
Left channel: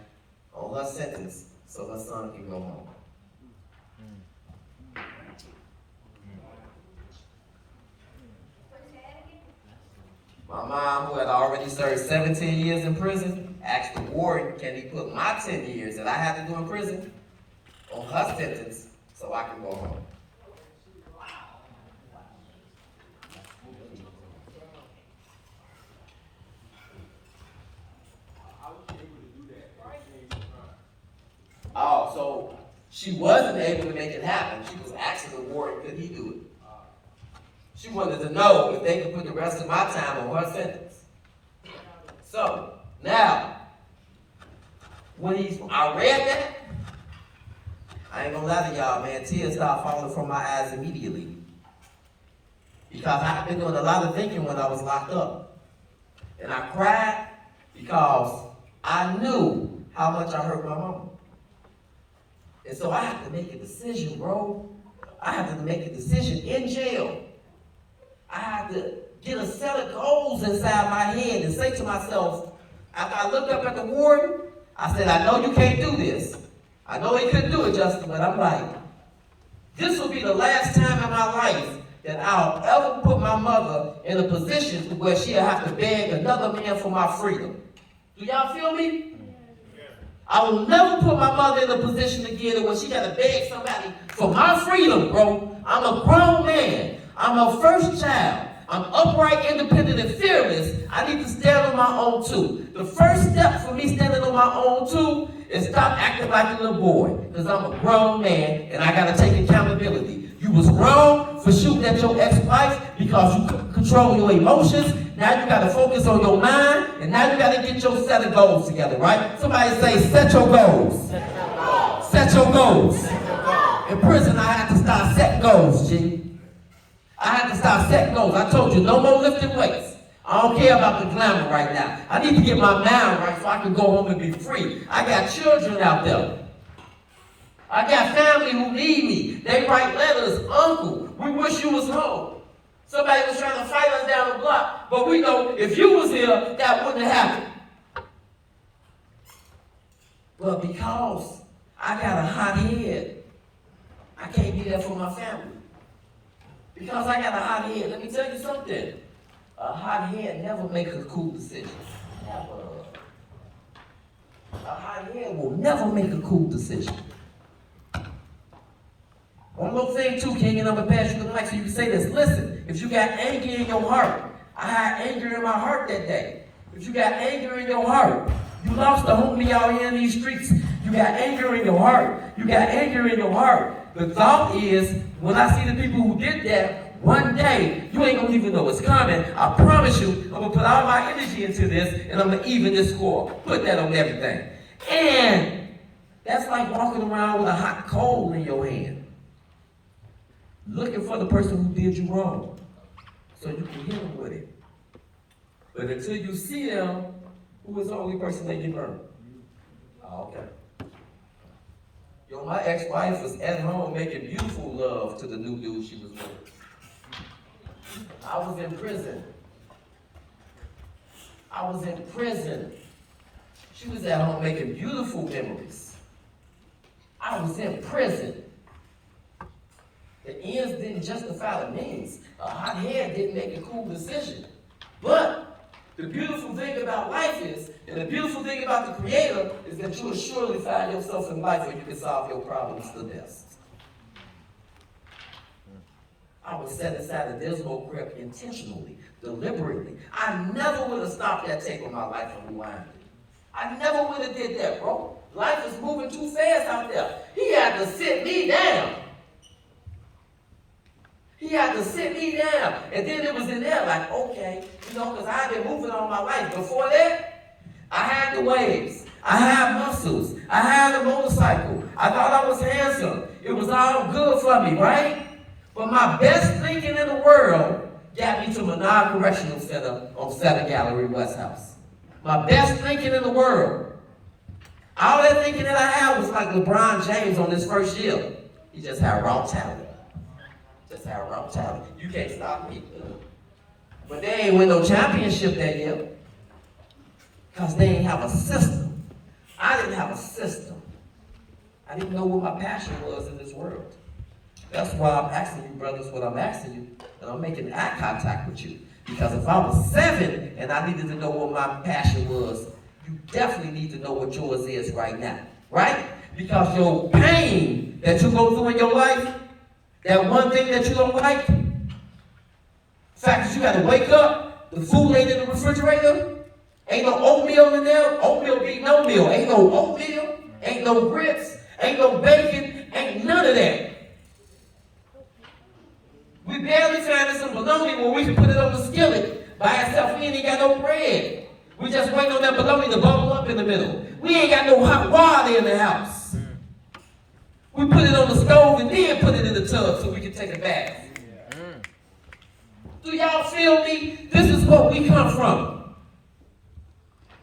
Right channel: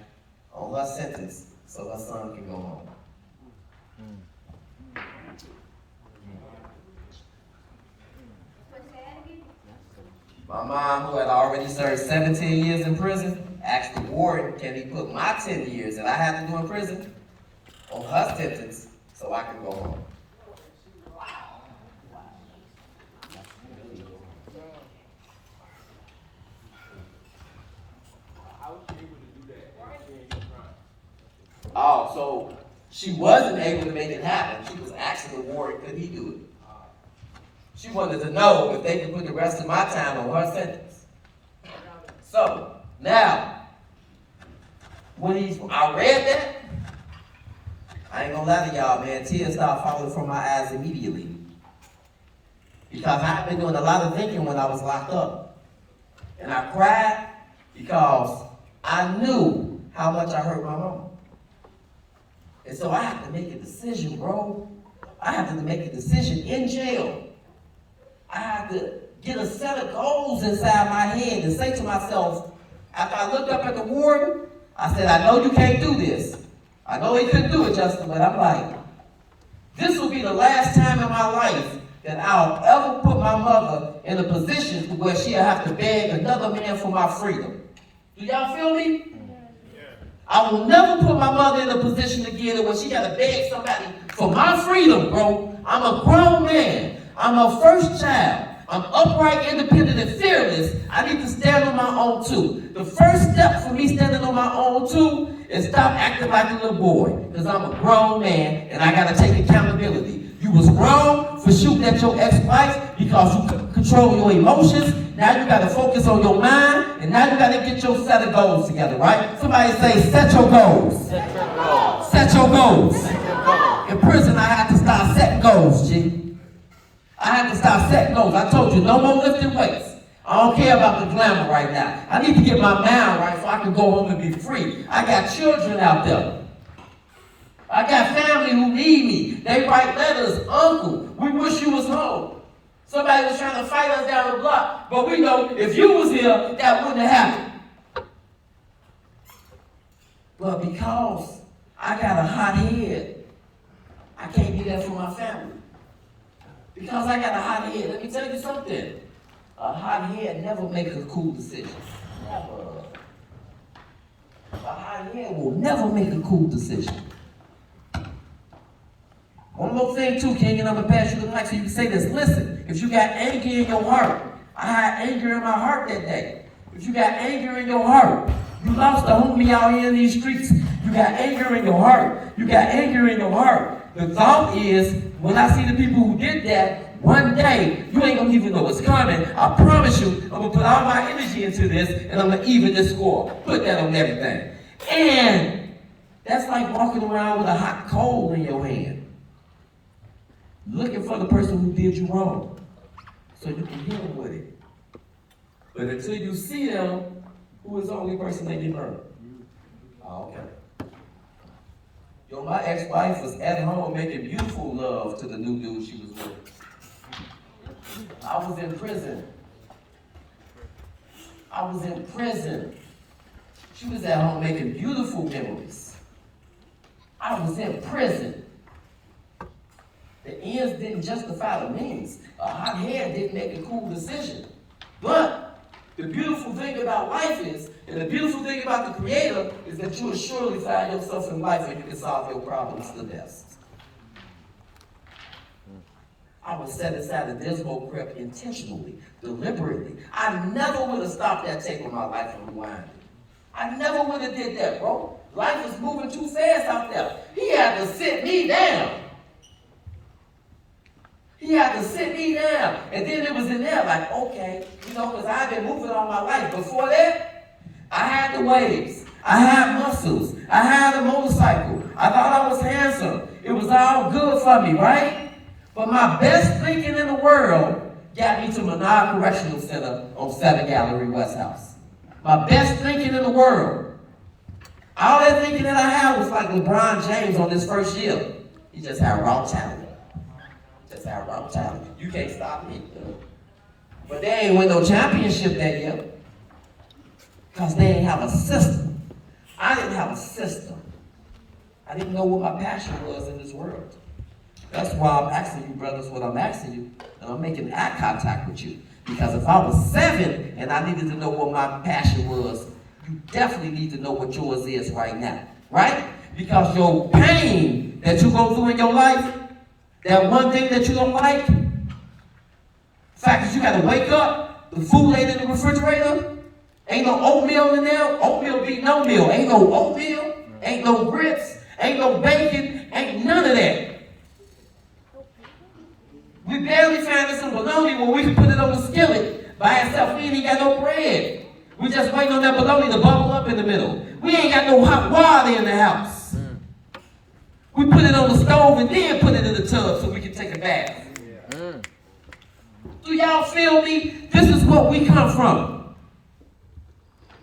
on her sentence so her son can go home. My mom, who had already served 17 years in prison, asked the warden, can he put my 10 years that I had to do in prison on her sentence so I can go home. Oh, so she wasn't able to make it happen. She was asking the warden, could he do it? She wanted to know if they could put the rest of my time on her sentence. So, now, when I read that, I ain't gonna lie to y'all, man, tears started falling from my eyes immediately. Because I've been doing a lot of thinking when I was locked up. And I cried because I knew how much I hurt my mama. And so I have to make a decision, bro. I have to make a decision in jail. I have to get a set of goals inside my head and say to myself, after I looked up at the warden, I said, I know you can't do this. I know he couldn't do it, Justin, but I'm like, this will be the last time in my life that I'll ever put my mother in a position where she'll have to beg another man for my freedom. Do y'all feel me? I will never put my mother in a position again where she got to beg somebody for my freedom, bro. I'm a grown man. I'm a first child. I'm upright, independent, and fearless. I need to stand on my own, too. The first step for me standing on my own, too, is stop acting like a little boy. Because I'm a grown man, and I got to take accountability. You was wrong for shooting at your ex-wife because you couldn't control your emotions. Now you got to focus on your mind, and now you got to get your set of goals together, right? Somebody say, set your goals. Set your goals. Set your goals. Set your goals. In prison, I had to start setting goals, G. I had to start setting goals. I told you, no more lifting weights. I don't care about the glamour right now. I need to get my mind right so I can go home and be free. I got children out there. I got family who need me. They write letters, Uncle, we wish you was home. Somebody was trying to fight us down the block, but we know if you was here, that wouldn't have happened. But because I got a hot head, I can't be there for my family. Because I got a hot head, let me tell you something. A hot head never makes a cool decision. Never. A hot head will never make a cool decision. One more thing too, King, and I'm going to pass you the mic so you can say this. Listen, if you got anger in your heart, I had anger in my heart that day. If you got anger in your heart, You lost a homie out here in these streets. You got anger in your heart. You got anger in your heart. The thought is, when I see the people who did that, one day, you ain't gonna even know what's coming. I promise you, I'm gonna put all my energy into this, and I'm gonna even this score. Put that on everything. And that's like walking around with a hot coal in your hand, looking for the person who did you wrong, so you can hit them with it. But until you see them, who is the only person they can burn? Oh, okay. Yo, my ex-wife was at home making beautiful love to the new dude she was with. I was in prison. She was at home making beautiful memories. I was in prison. The ends didn't justify the means. A hot head didn't make a cool decision. But the beautiful thing about life is, and the beautiful thing about the Creator, is that you will surely find yourself in life and you can solve your problems the best. I would set aside a dismal grip intentionally, deliberately. I never would have stopped that tape on my life and rewind it. I never would have did that, bro. Life was moving too fast out there. He had to sit me down. And then it was in there like, okay, because I've been moving all my life. Before that, I had the waves. I had muscles. I had a motorcycle. I thought I was handsome. It was all good for me, right? But my best thinking in the world got me to Menard Correctional Center on 7 Gallery West House. My best thinking in the world. All that thinking that I had was like LeBron James on his first year. He just had raw talent. You can't stop me. But they ain't win no championship that year. Because they ain't have a system. I didn't have a system. I didn't know what my passion was in this world. That's why I'm asking you, brothers, what I'm asking you. And I'm making eye contact with you. Because if I was 7 and I needed to know what my passion was, you definitely need to know what yours is right now. Right? Because your pain that you go through in your life, that one thing that you don't like, the fact that you got to wake up, the food ain't in the refrigerator, ain't no oatmeal in there, oatmeal beat no meal, ain't no oatmeal, ain't no grits, ain't no bacon, ain't none of that. We barely find some bologna when we can put it on the skillet by itself. We ain't got no bread. We just waiting on that bologna to bubble up in the middle. We ain't got no hot water in the house. We put it on the stove and then put it in the tub so we can take a bath. Do y'all feel me? This is what we come from.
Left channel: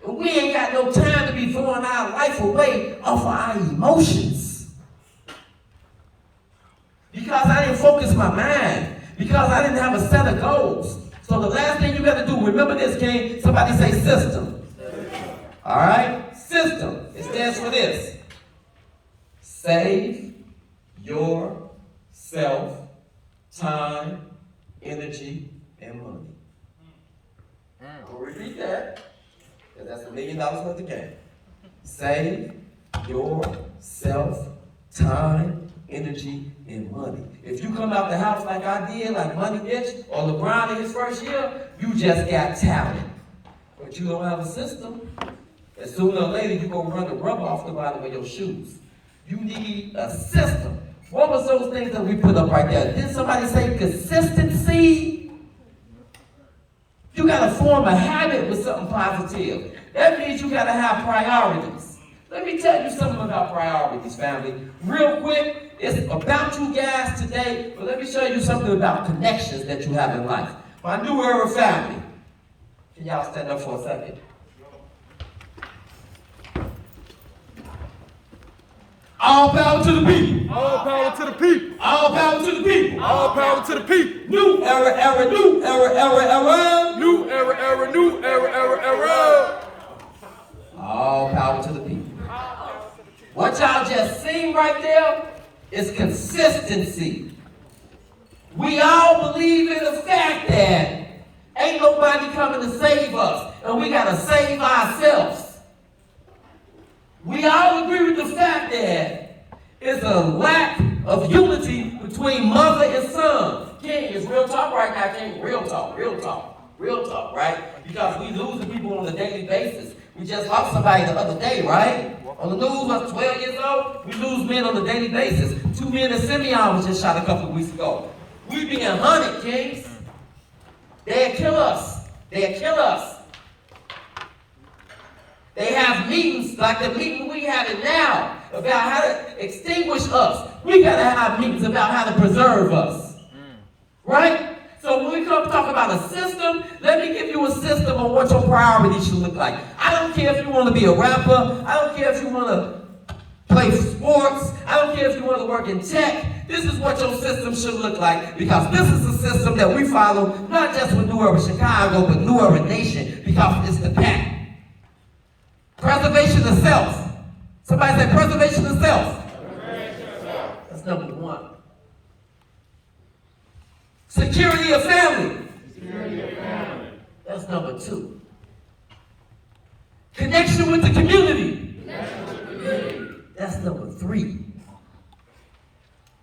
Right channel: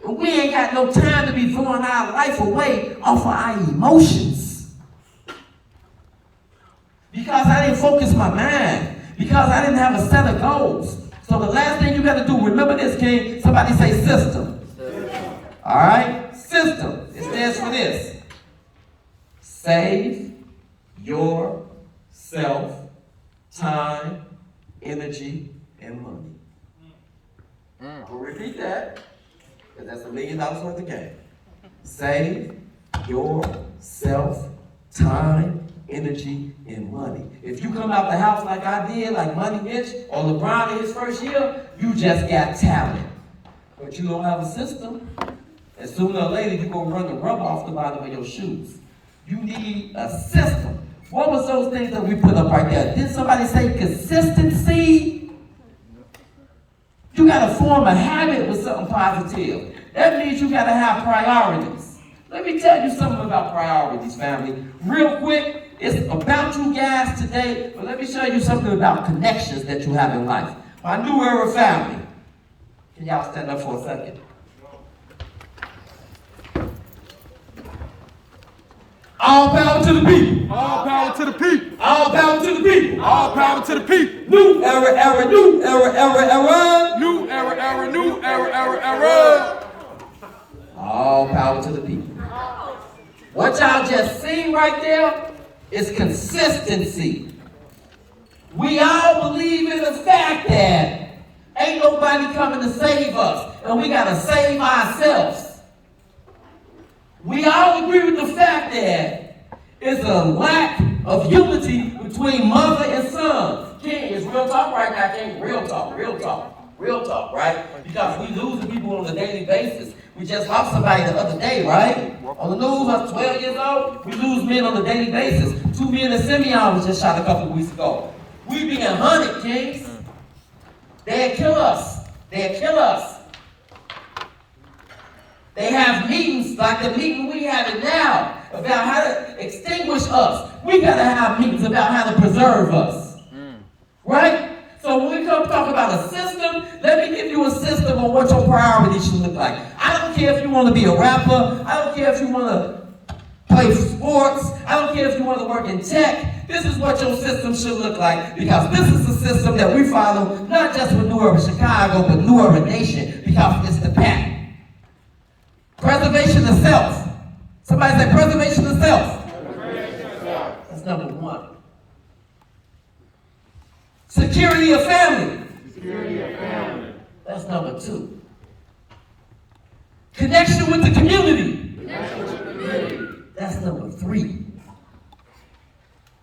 And we ain't got no time to be throwing our life away off of our emotions. Because I didn't focus my mind. Because I didn't have a set of goals. So the last thing you got to do, remember this, King. Somebody say system. All right? System. It stands for this. Save yourself time, energy, and money. I'll repeat that, because that's $1 million worth of game. Save yourself time, energy, and money. If you come out the house like I did, like Money Mitch or LeBron in his first year, you just got talent. But you don't have a system. And sooner or later, you're going to run the rubber off the bottom of your shoes. You need a system. What was those things that we put up right there? Didn't somebody say consistency? You got to form a habit with something positive. That means you got to have priorities. Let me tell you something about priorities, family. Real quick, it's about you guys today, but let me show you something about connections that you have in life. My new era family. Can y'all stand up for a second? All power to the people. All power to the people. All power to the people. All power to the people. New era, new era. New era, new era. All power to the people. What y'all just seen right there is consistency. We all believe in the fact that ain't nobody coming to save us, and we gotta save ourselves. We all agree with the fact that it's a lack of unity between mother and son. King, it's real talk right now, King. Real talk. Real talk, right? Because we losing people on a daily basis. We just lost somebody the other day, right? On the news, I was 12 years old. We lose men on a daily basis. 2 men in Simeon was just shot a couple weeks ago. We being hunted, kings. They'll kill us. They'll kill us. They have meetings like the meeting we having now about how to extinguish us. We got to have meetings about how to preserve us. Right? So when we come talk about a system, let me give you a system on what your priorities should look like. I don't care if you want to be a rapper. I don't care if you want to play sports. I don't care if you want to work in tech. This is what your system should look like, because this is the system that we follow, not just with New Urban Chicago, but New Urban Nation, because it's the pattern. Preservation of self. Somebody say preservation of self. That's number one. Security of family. That's number two. Connection with the community. That's number three.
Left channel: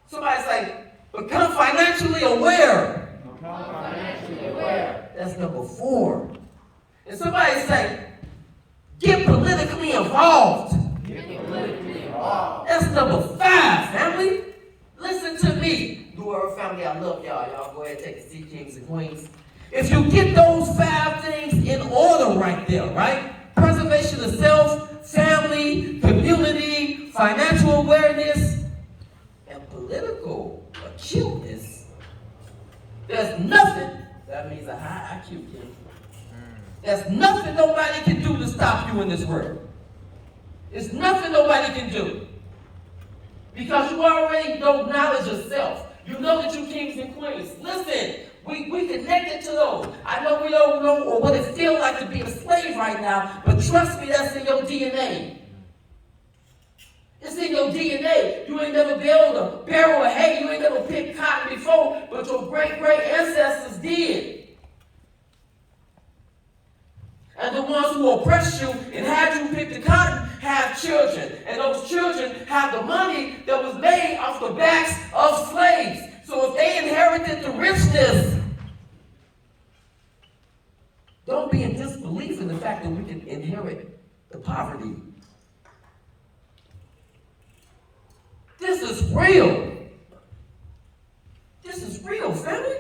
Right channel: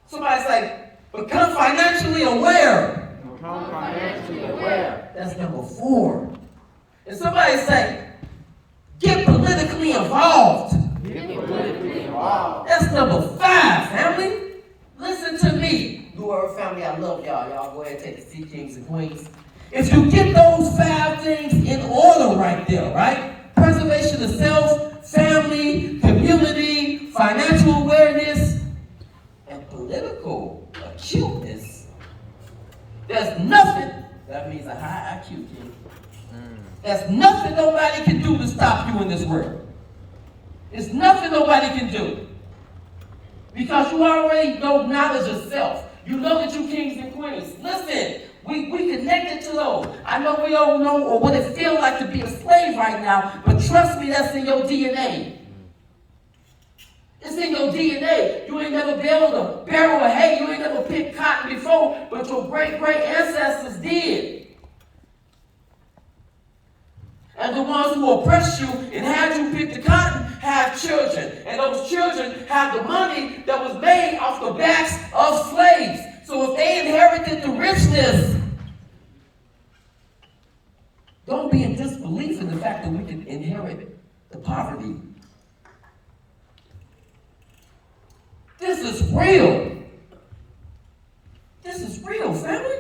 Somebody say, become financially aware. That's number four. And somebody say, get politically involved. That's number five, family. Listen to me. New Earth family, I love y'all. Y'all go ahead and take a seat, kings and queens. If you get those five things in order right there, right? Preservation of self, family, community, financial awareness, and political acuteness. There's nothing, that means a high IQ, kid. There's nothing nobody can do to stop you in this world. There's nothing nobody can do. Because you already know knowledge of self. You know that you kings and queens. Listen, we connected to those. I know we don't know or what it feels like to be a slave right now, but trust me, that's in your DNA. It's in your DNA. You ain't never baled a barrel of hay. You ain't never picked cotton before, but your great-great ancestors did. And the ones who oppressed you and had you pick the cotton have children. And those children have the money that was made off the backs of slaves. So if they inherited the richness, don't be in disbelief in the fact that we can inherit the poverty. This is real. This is real, family.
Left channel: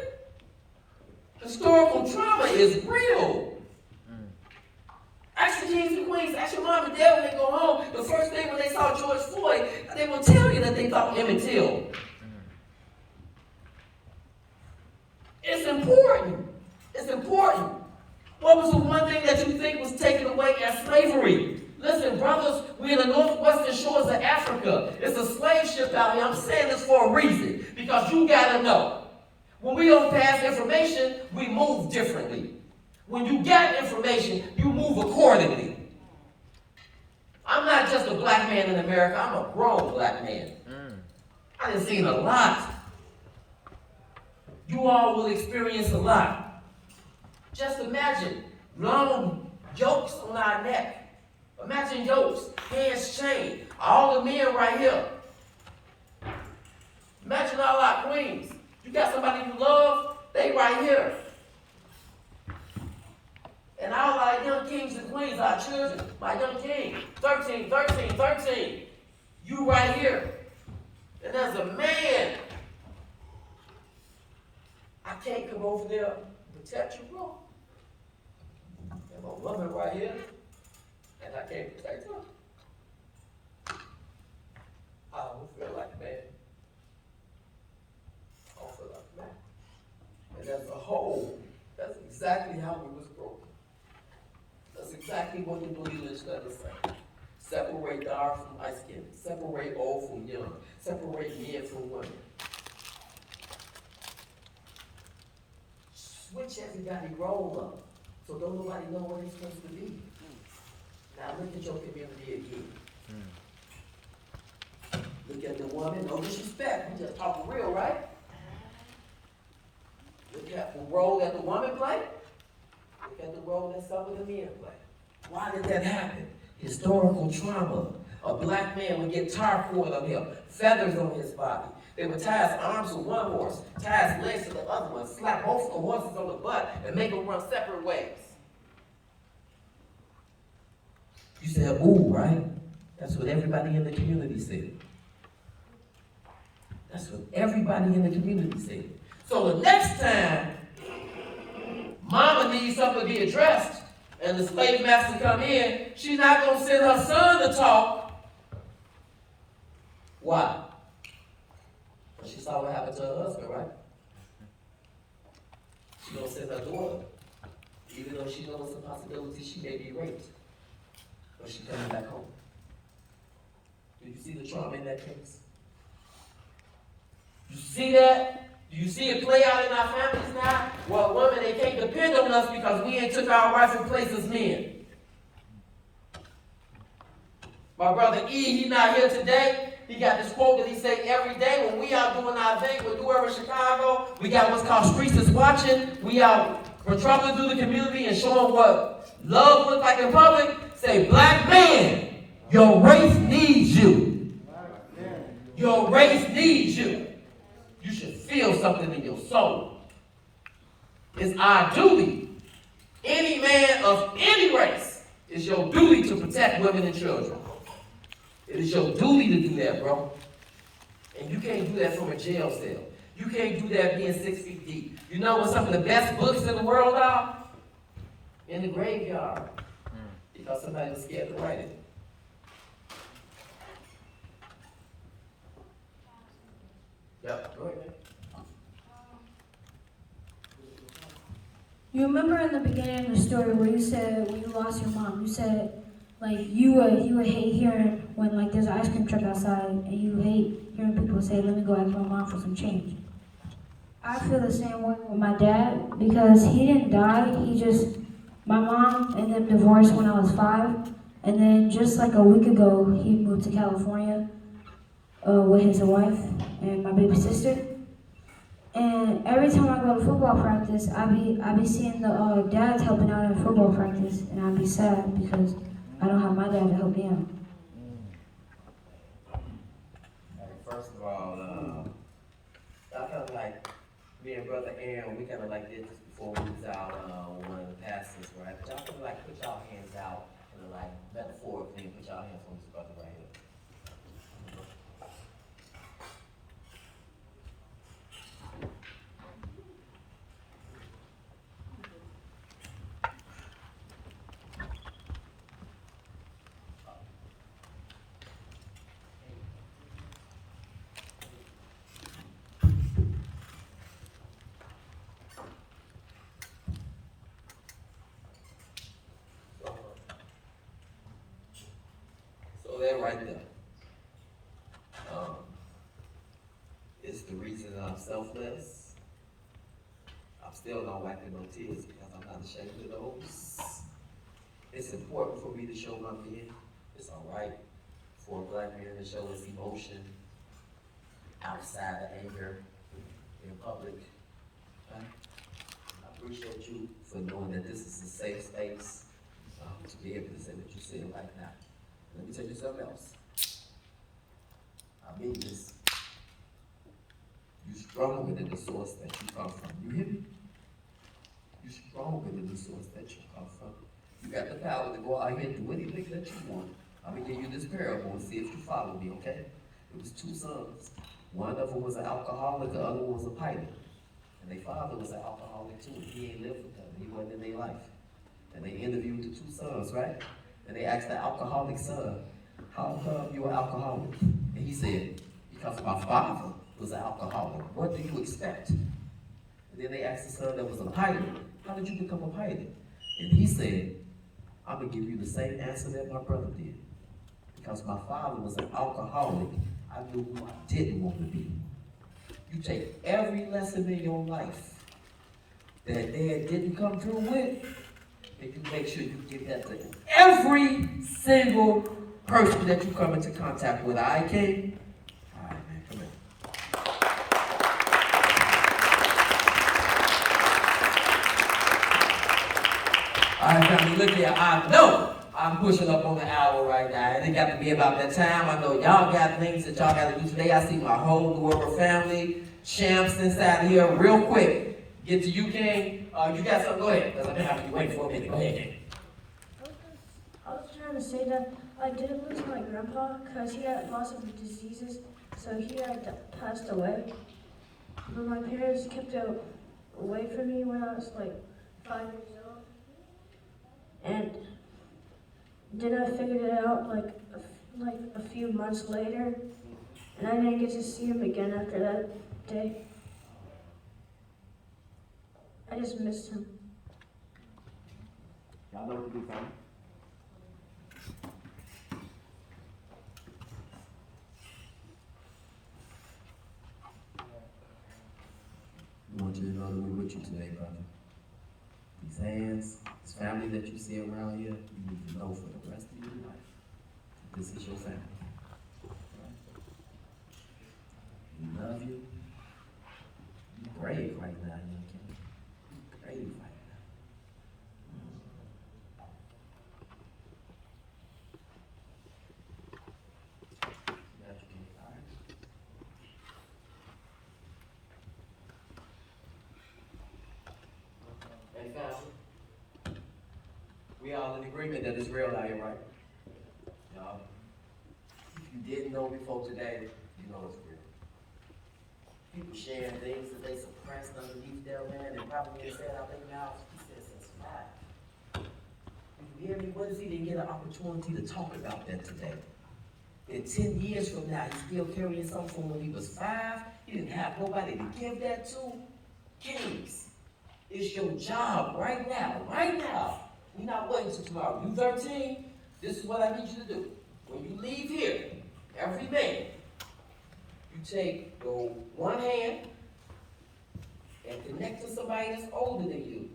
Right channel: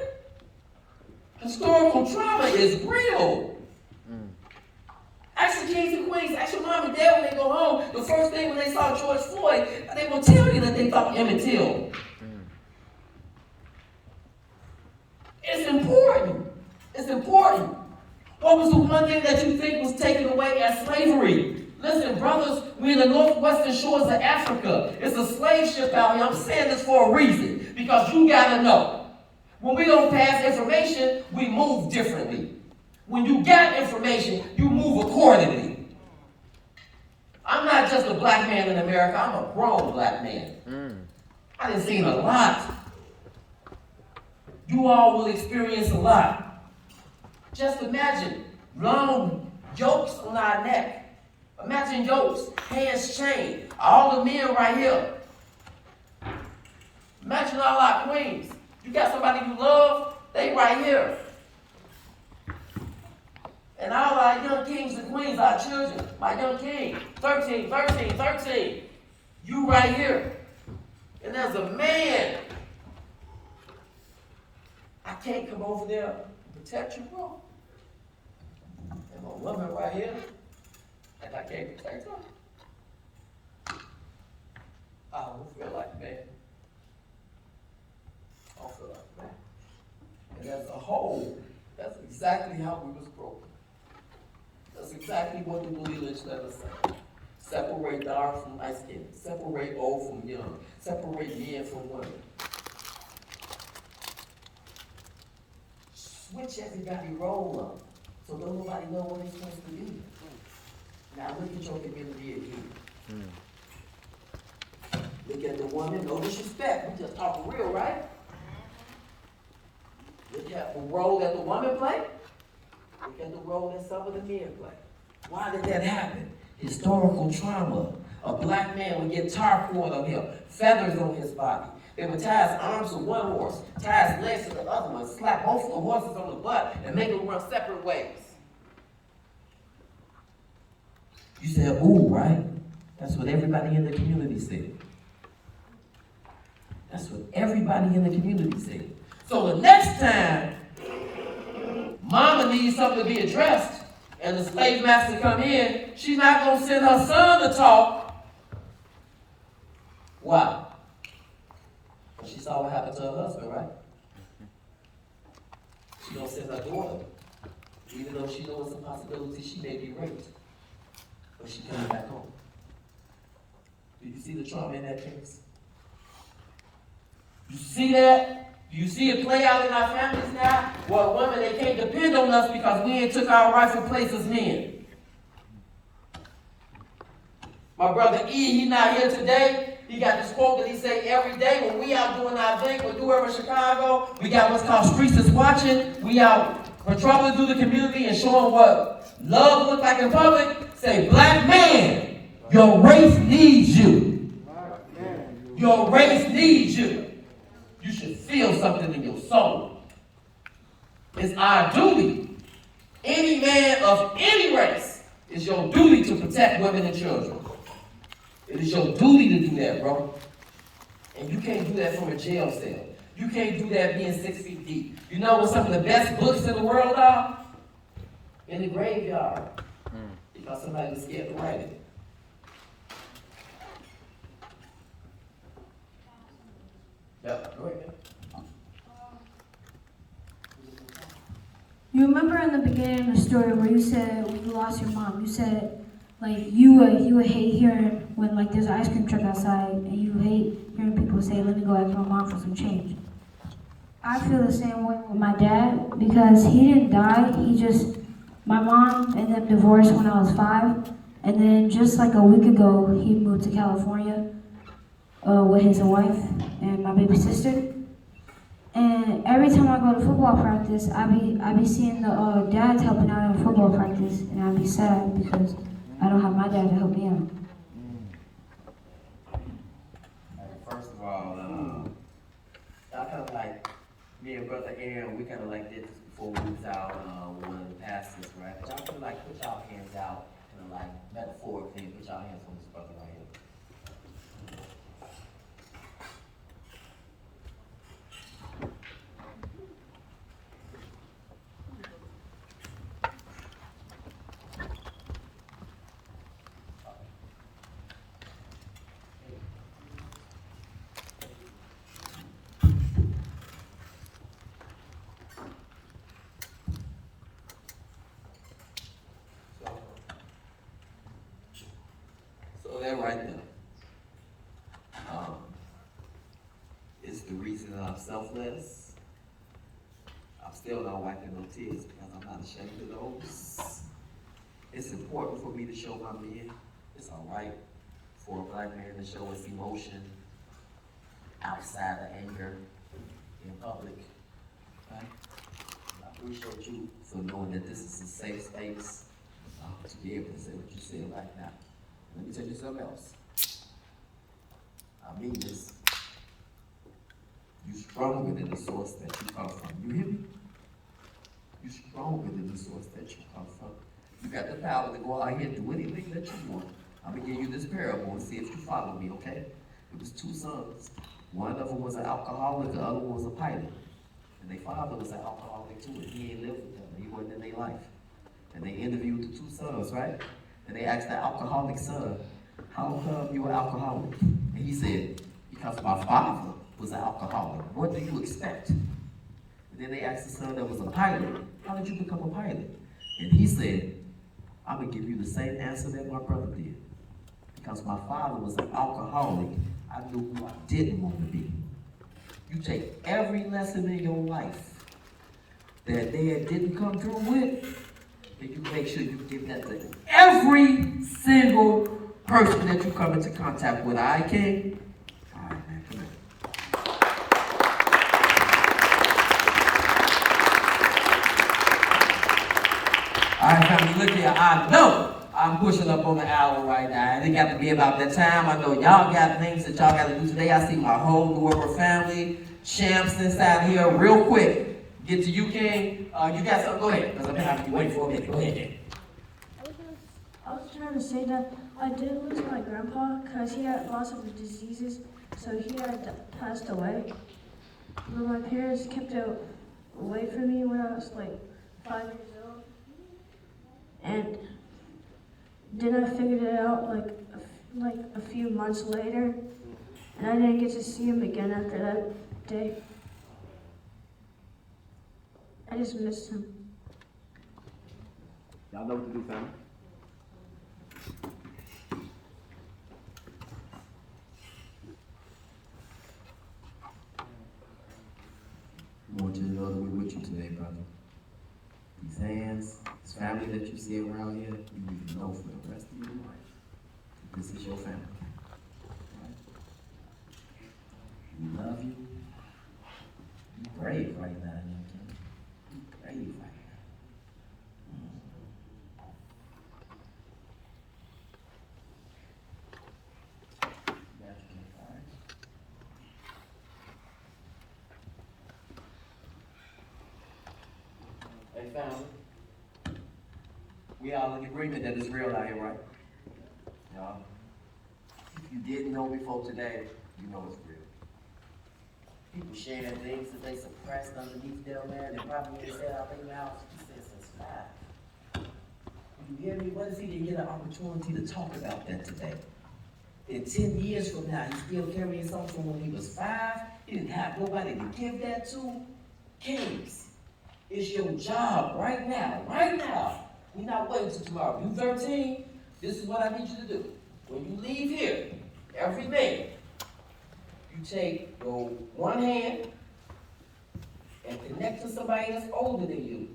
Historical trauma is real. Ask the kings and queens, ask your mom and dad when they go home, the first thing when they saw George Floyd, they will tell you that they thought Emmett Till. It's important. It's important. What was the one thing that you think was taken away as slavery? Listen, brothers, we're in the northwestern shores of Africa. It's a slave ship out here. I'm saying this for a reason, because you gotta know. When we don't pass information, we move differently. When you get information, you move accordingly. I'm not just a black man in America, I'm a grown black man. I done seen a lot. You all will experience a lot. Just imagine long yokes on our neck. Imagine yokes, hands chained, all the men right here. Imagine all our queens. You got somebody you love, they right here. And all our young kings and queens, our children, my young king, 13, 13, 13, you right here. And as a man, I can't come over there and protect you, bro. And a woman right here, and I can't protect her. I don't feel like a man. I don't feel like a man. And as a whole, that's exactly how we was broken. That's exactly what the Blue legislature say. Separate dark from light skin. Separate old from young. Separate men from women. Switch everybody role up so don't nobody know what they're supposed to be. Now look at your community again. Look at the woman, no disrespect. We just talking real, right? Look at the role that the woman played. Look at the role that some of the men play. Why did that happen? Historical trauma. A black man would get tar poured on him, feathers on his body. They would tie his arms to one horse, tie his legs to the other one, slap both of the horses on the butt, and make them run separate ways. You said, ooh, right? That's what everybody in the community said. That's what everybody in the community said. So the next time mama needs something to be addressed and the slave master come in, she's not going to send her son to talk. Why? Because she saw what happened to her husband, right? She going to send her daughter, even though she knows it's a possibility she may be raped. But she's coming back home. Do you see the trauma in that case? You see that? Do you see it play out in our families now? Well, women, they can't depend on us because we ain't took our rightful place as men. My brother E, he not here today. He got this quote that he say every day when we out doing our thing with Do Over Chicago, we got what's called Streets is Watching. We out patrolling through the community and showing what love looks like in public. Say, black man, your race needs you. Your race needs you. You should feel something in your soul. It's our duty. Any man of any race, it's your duty to protect women and children. It is your duty to do that, bro. And you can't do that from a jail cell. You can't do that being 6 feet deep. You know what some of the best books in the world are? In the graveyard. Because somebody was scared to write it. Yep, go ahead. You remember in the beginning of the story where you said when you lost your mom, you said like you would hate hearing when like there's an ice cream truck outside and you hate hearing people say, "Let me go ask my mom for some change." I feel the same way with my dad because he didn't die. My mom and them divorced when I was 5, and then just like a week ago, he moved to California with his wife and my baby sister. And every time I go to football practice, I be seeing the dads helping out in football practice, and I be sad because I don't have my dad to help me out. First of all, I kind of like me and Brother Aaron, we kind of like did this before we was out one of the pastors, right? But y'all kind of like put y'all hands out, kind of like metaphorically, put y'all hands on this brother right here. So that right there is the reason I'm selfless. I'm still not wiping no tears because I'm not ashamed of those. It's important for me to show my men. It's all right for a black man to show his emotion outside of anger in public. Okay? I appreciate you for knowing that this is a safe space to be able to say what you said right now. Let me tell you something else. I mean this. You stronger than the source that you come from. You hear me? You stronger than the source that you come from. You got the power to go out here and do anything that you want. I'm gonna give you this parable and see if you follow me, okay? It was 2 sons. One of them was an alcoholic, the other one was a pilot. And their father was an alcoholic too, and he ain't lived with them. He wasn't in their life. And they interviewed the 2 sons, right? And they asked the alcoholic son, "How come you were alcoholic?" And he said, "Because my father was an alcoholic. What do you expect?" And then they asked the son that was a pilot, "How did you become a pilot?" And he said, "I'm going to give you the same answer that my brother did. Because my father was an alcoholic, I knew who I didn't want to be." You take every lesson in your life that dad didn't come through with, and you make sure you give that to every single person that you come into contact with. I came. All right, man, come on. All right, family, look here. I I'm pushing up on the hour right now, and it got to be about that time. I know y'all got things that y'all got to do today. I see my whole New World family, champs inside here. Real quick, get to you, King. You got something? Go ahead, because I've been having you wait for a minute. Go ahead, King. I was trying to say that I did lose my grandpa because he had lots of diseases, so he had passed away. But my parents kept it away from me when I was like 5 years old. And then I figured it out like a few months later, and I didn't get to see him again after that day. I just missed him. Y'all know what to do, family. I want you to know that we're with you today, brother. These hands, this family that you see around here, you need to know for the rest of your life that this is your family. Right? We love you. You're brave right now, young Kim. You're brave right now. Got you, Kim. All right. And family, we all in agreement that it's real out here, right? Y'all, if you didn't know before today, you know it's real. People sharing things that they suppressed underneath them, man, and probably ain't said out their mouths. He said since 5. You hear me? What if he didn't get an opportunity to talk about that today? In 10 years from now, he's still carrying something from when he was 5. He didn't have nobody to give that to. Kings, it's your job right now, right now. We're not waiting till tomorrow. You 13, this is what I need you to do. When you leave here, every day, you take your one hand and connect to somebody that's older than you.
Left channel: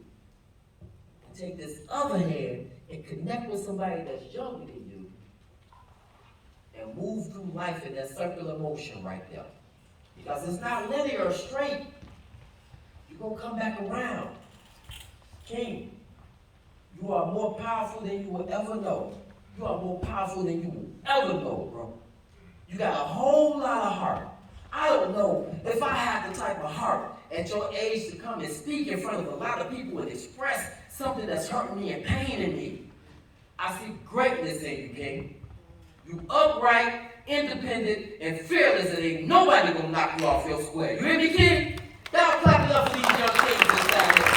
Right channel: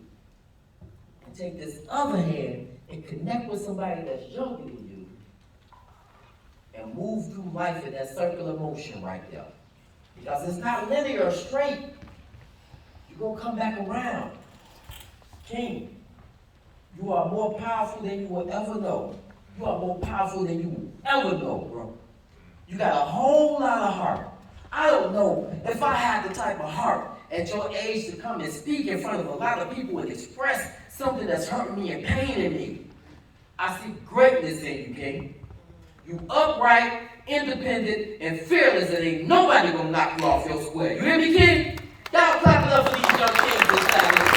And take this other hand and connect with somebody that's younger than you. And move through life in that circular motion right there. Because it's not linear or straight. You're going to come back around. King, you are more powerful than you will ever know. You are more powerful than you will ever know, bro. You got a whole lot of heart. I don't know if I had the type of heart at your age to come and speak in front of a lot of people and express something that's hurting me and paining me. I see greatness in you, King. You upright, independent, and fearless, and ain't nobody gonna knock you off your square. You hear me, King? Y'all clap it up for these young kings inside here.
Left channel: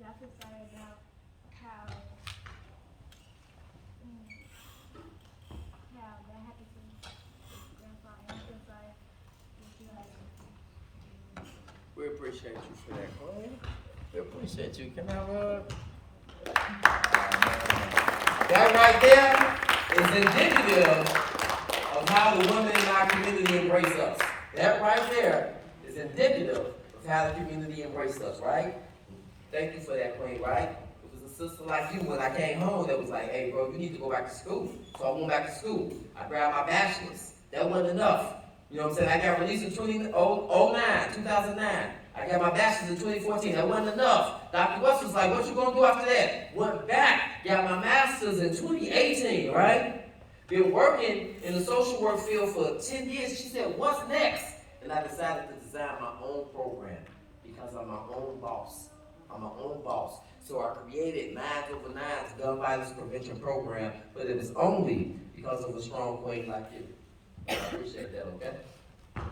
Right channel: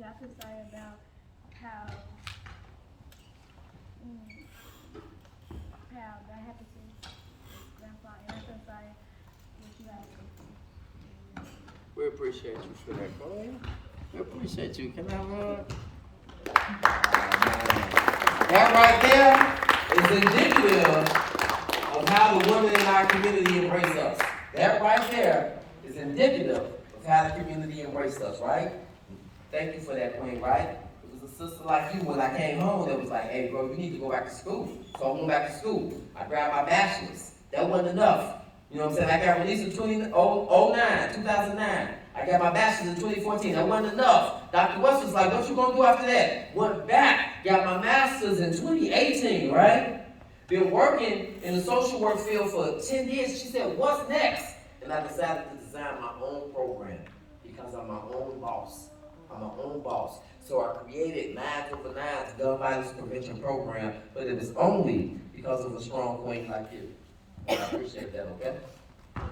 I feel sorry about how that happened to Grandpa, and I feel sorry what you happened. We appreciate you for that, bro. We appreciate you. Can I run? That right there is indicative of how the women in our community embrace us. That right there is indicative of how the community embraces us, right? Thank you for that, Queen, right? It was a sister like you when I came home that was like, hey, bro, you need to go back to school. So I went back to school. I grabbed my bachelor's. That wasn't enough. You know what I'm saying? I got released in 2009. I got my bachelor's in 2014. That wasn't enough. Dr. West was like, what you gonna do after that? Went back, got my master's in 2018, right? Been working in the social work field for 10 years. She said, what's next? And I decided to design my own program because I'm my own boss. I'm my own boss. So I created 999's gun violence prevention program, but it is only because of a strong queen like you. And I appreciate that, okay?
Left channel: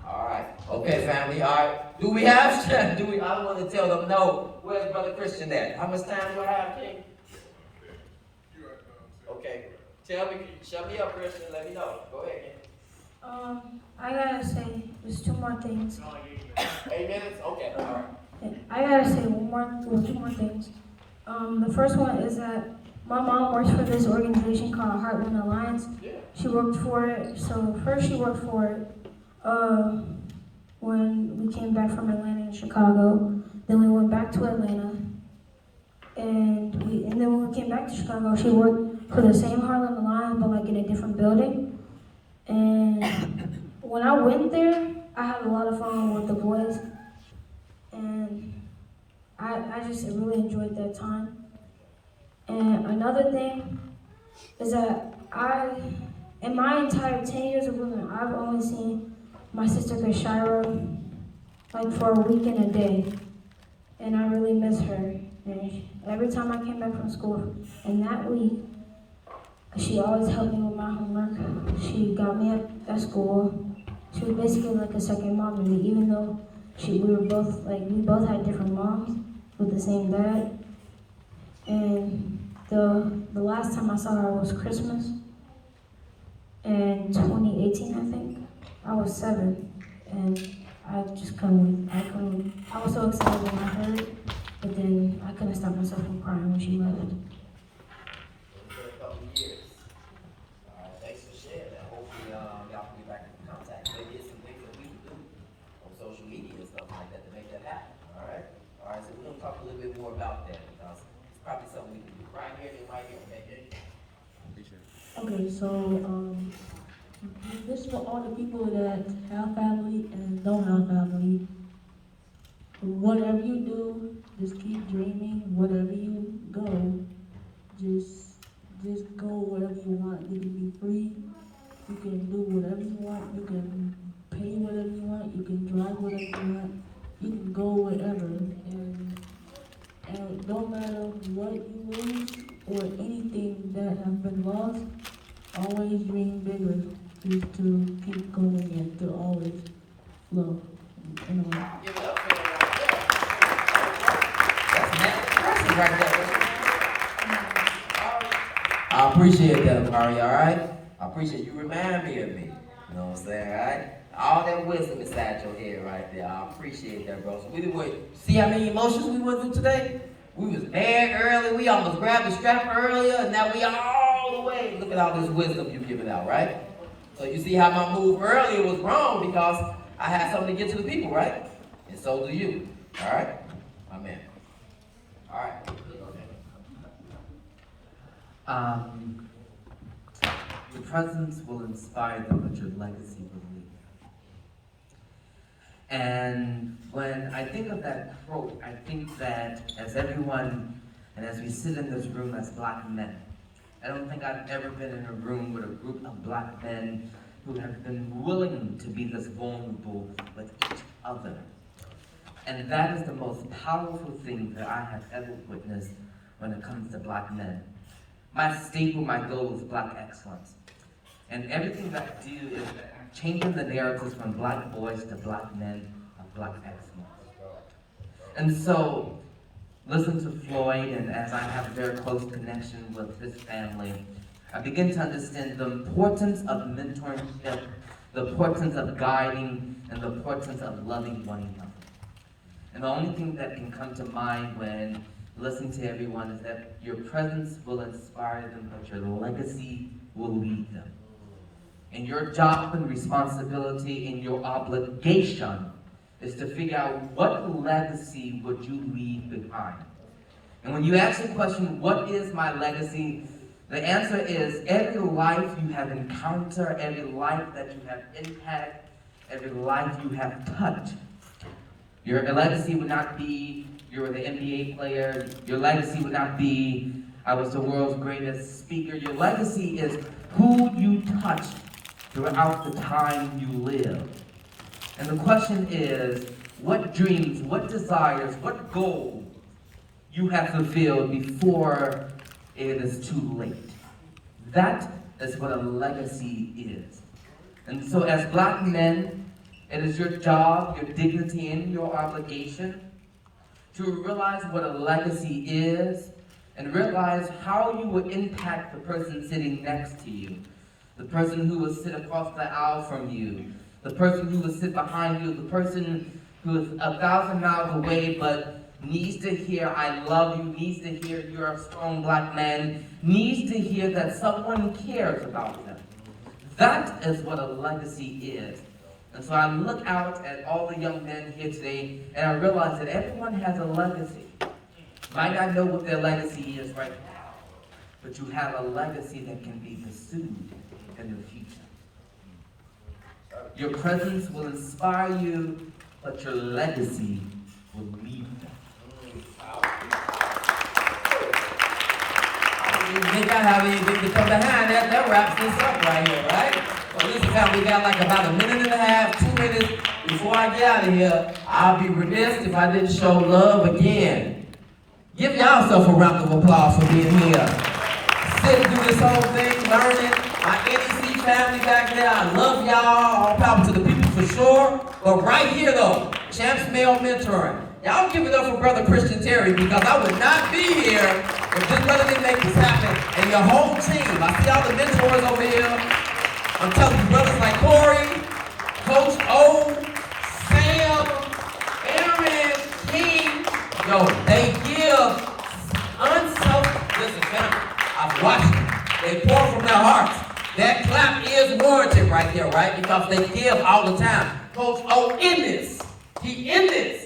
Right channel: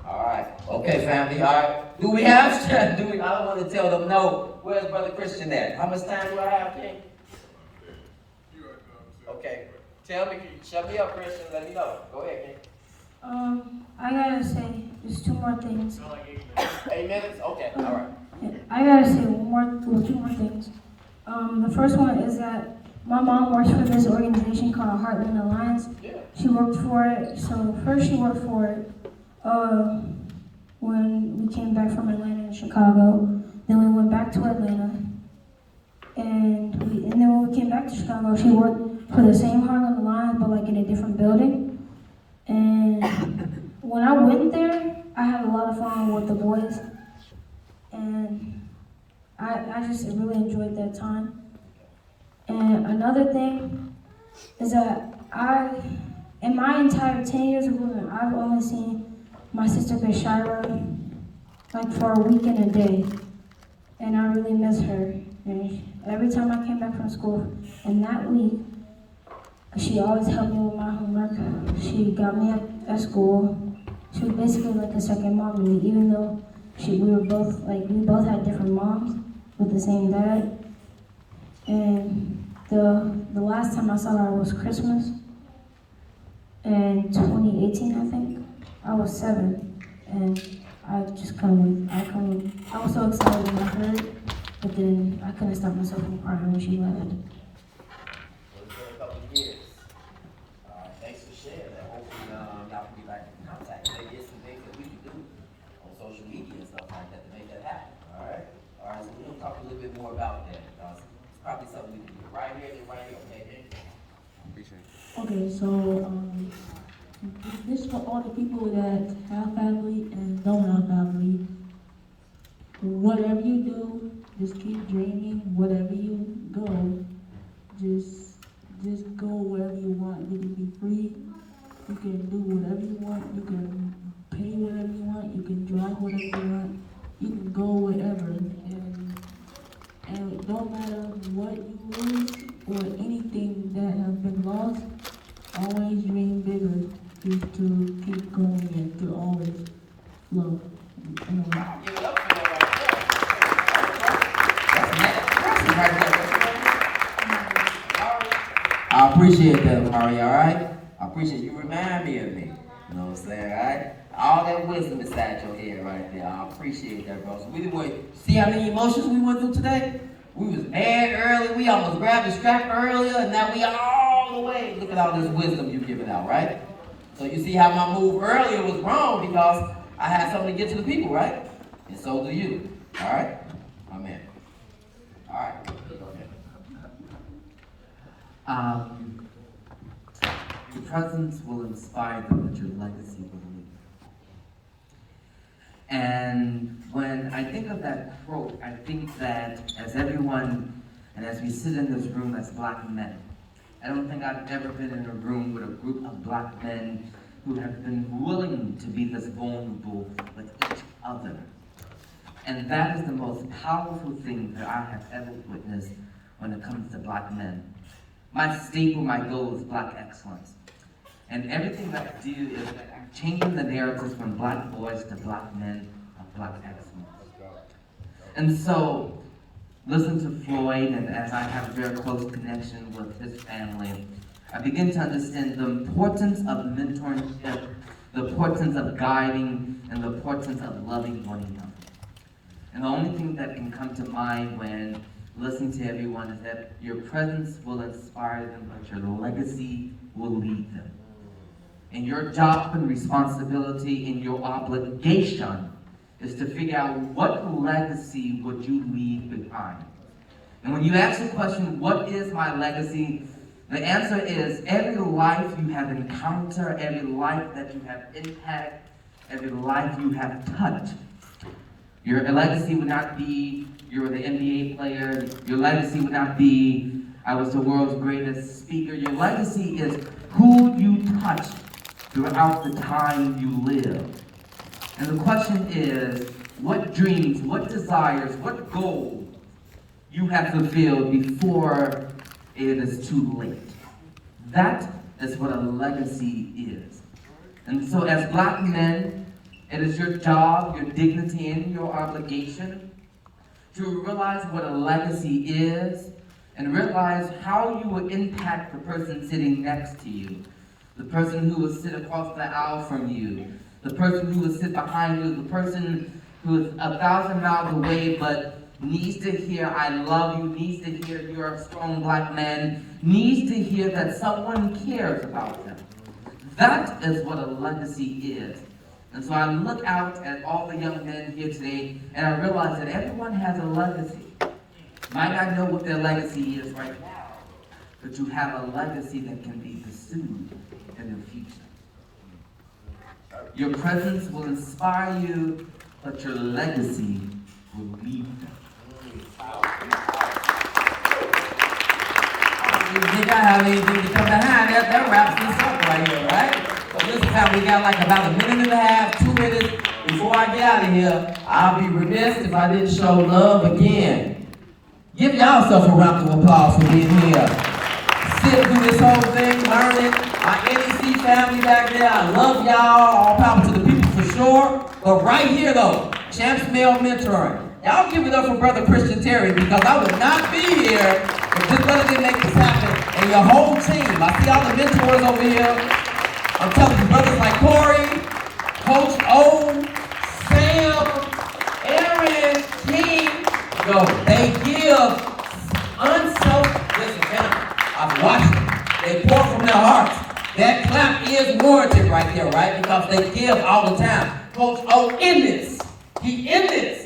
All right. Okay, family. All right. Do we have? I don't want to tell them no. Where's Brother Christian at? How much time do I have, King? Okay. Tell me, shut me up, Christian. Let me know. Go ahead, King. I gotta say, there's 2 more things. 8 minutes? Okay, all right. I gotta say 2 more things. The first one is that my mom works for this organization called Heartland Alliance. Yeah. She worked for it. So first she worked for it when we came back from Atlanta and Chicago. Then we went back to Atlanta. And then when we came back to Chicago, she worked for the same Harlem Alliance, but like in a different building. And when I went there, I had a lot of fun with the boys, and I just really enjoyed that time. And another thing is that in my entire 10 years of living, I've only seen my sister Kashira like for a week and a day, and I really miss her. And every time I came back from school, in that week, she always helped me with my homework. She got me at school. She was basically like a second mom to me, even though we both had different moms with the same dad. And the last time I saw her was Christmas in 2018, I think. I was 7, and I just couldn't wait. I was so excited when I heard, but then I couldn't stop myself from crying when she left. It's been a couple of years. All right, thanks for sharing that. Hopefully, y'all can get back in contact. Maybe it's some things that we can do on social media and stuff like that to make that happen. All right. So we're gonna talk a little bit more about that because it's probably something we can do right here and right here. Okay. Okay, so this is for all the people that have family and don't have family. Whatever you do, just keep dreaming. Whatever you go, just go wherever you want. You can be free. You can do whatever you want. You can pay whatever you want. You can drive whatever you want. You can go wherever. And it don't matter what you lose or anything that has been lost. Always dream bigger to keep going and to always love. Anyway. Give it up for that right there. That's right there. I appreciate that, Amari, all right? I appreciate you remind me of me. You know what I'm saying, all right? All that wisdom inside your head right there. I appreciate that, bro. So we didn't see how many emotions we went through today? We was mad early. We almost grabbed the strap earlier, and now we all the way. Look at all this wisdom you're giving out, right? So you see how my move earlier was wrong because I had something to get to the people, right? And so do you. All right? Amen. All right. Go ahead. Your presence will inspire them, but your legacy will lead them. And when I think of that quote, I think that as everyone, and as we sit in this room as black men, I don't think I've ever been in a room with a group of black men who have been willing to be this vulnerable with each other. And that is the most powerful thing that I have ever witnessed when it comes to black men. My staple, my goal is black excellence. And everything that I do is that I'm changing the narratives from black boys to black men of black excellence. And so, listen to Floyd, and as I have a very close connection with his family, I begin to understand the importance of mentorship, the importance of guiding, and the importance of loving one another. And the only thing that can come to mind when listening to everyone is that your presence will inspire them, but your legacy will lead them. And your job and responsibility and your obligation is to figure out what legacy would you leave behind. And when you ask the question, what is my legacy? The answer is every life you have encountered, every life that you have impacted, every life you have touched. Your legacy would not be you were the NBA player. Your legacy would not be I was the world's greatest speaker. Your legacy is who you touched throughout the time you lived. And the question is, what dreams, what desires, what goals you have fulfilled before it is too late. That is what a legacy is. And so as black men, it is your job, your dignity, and your obligation to realize what a legacy is and realize how you will impact the person sitting next to you, the person who will sit across the aisle from you, the person who will sit behind you, the person who is 1,000 miles away but needs to hear I love you, needs to hear you're a strong black man, needs to hear that someone cares about them. That is what a legacy is. And so I look out at all the young men here today and I realize that everyone has a legacy. might not know what their legacy is right now, but you have a legacy that can be pursued in the future. Your presence will inspire you, but your legacy will lead them. I don't think I have anything to come behind that. That wraps this up right here, right? So this time we got like about a minute and a half, 2 minutes before I get out of here. I'll be remiss if I didn't show love again. Give y'all self a round of applause for being here. Sitting through this whole thing, learning. My NEC family back there, I love y'all. All power to the people for sure. But right here though, Champs Male Mentoring. Y'all give it up for Brother Christian Terry, because I would not be here if this brother didn't make this happen. And your whole team. I see all the mentors over here. I'm telling you, brothers like Corey, Coach O, Sam, Aaron, King, yo, they give unselfish. Listen, family, I've watched them. They pour from their hearts. That clap is warranted right there, right? Because they give all the time. Coach O in this. He in this.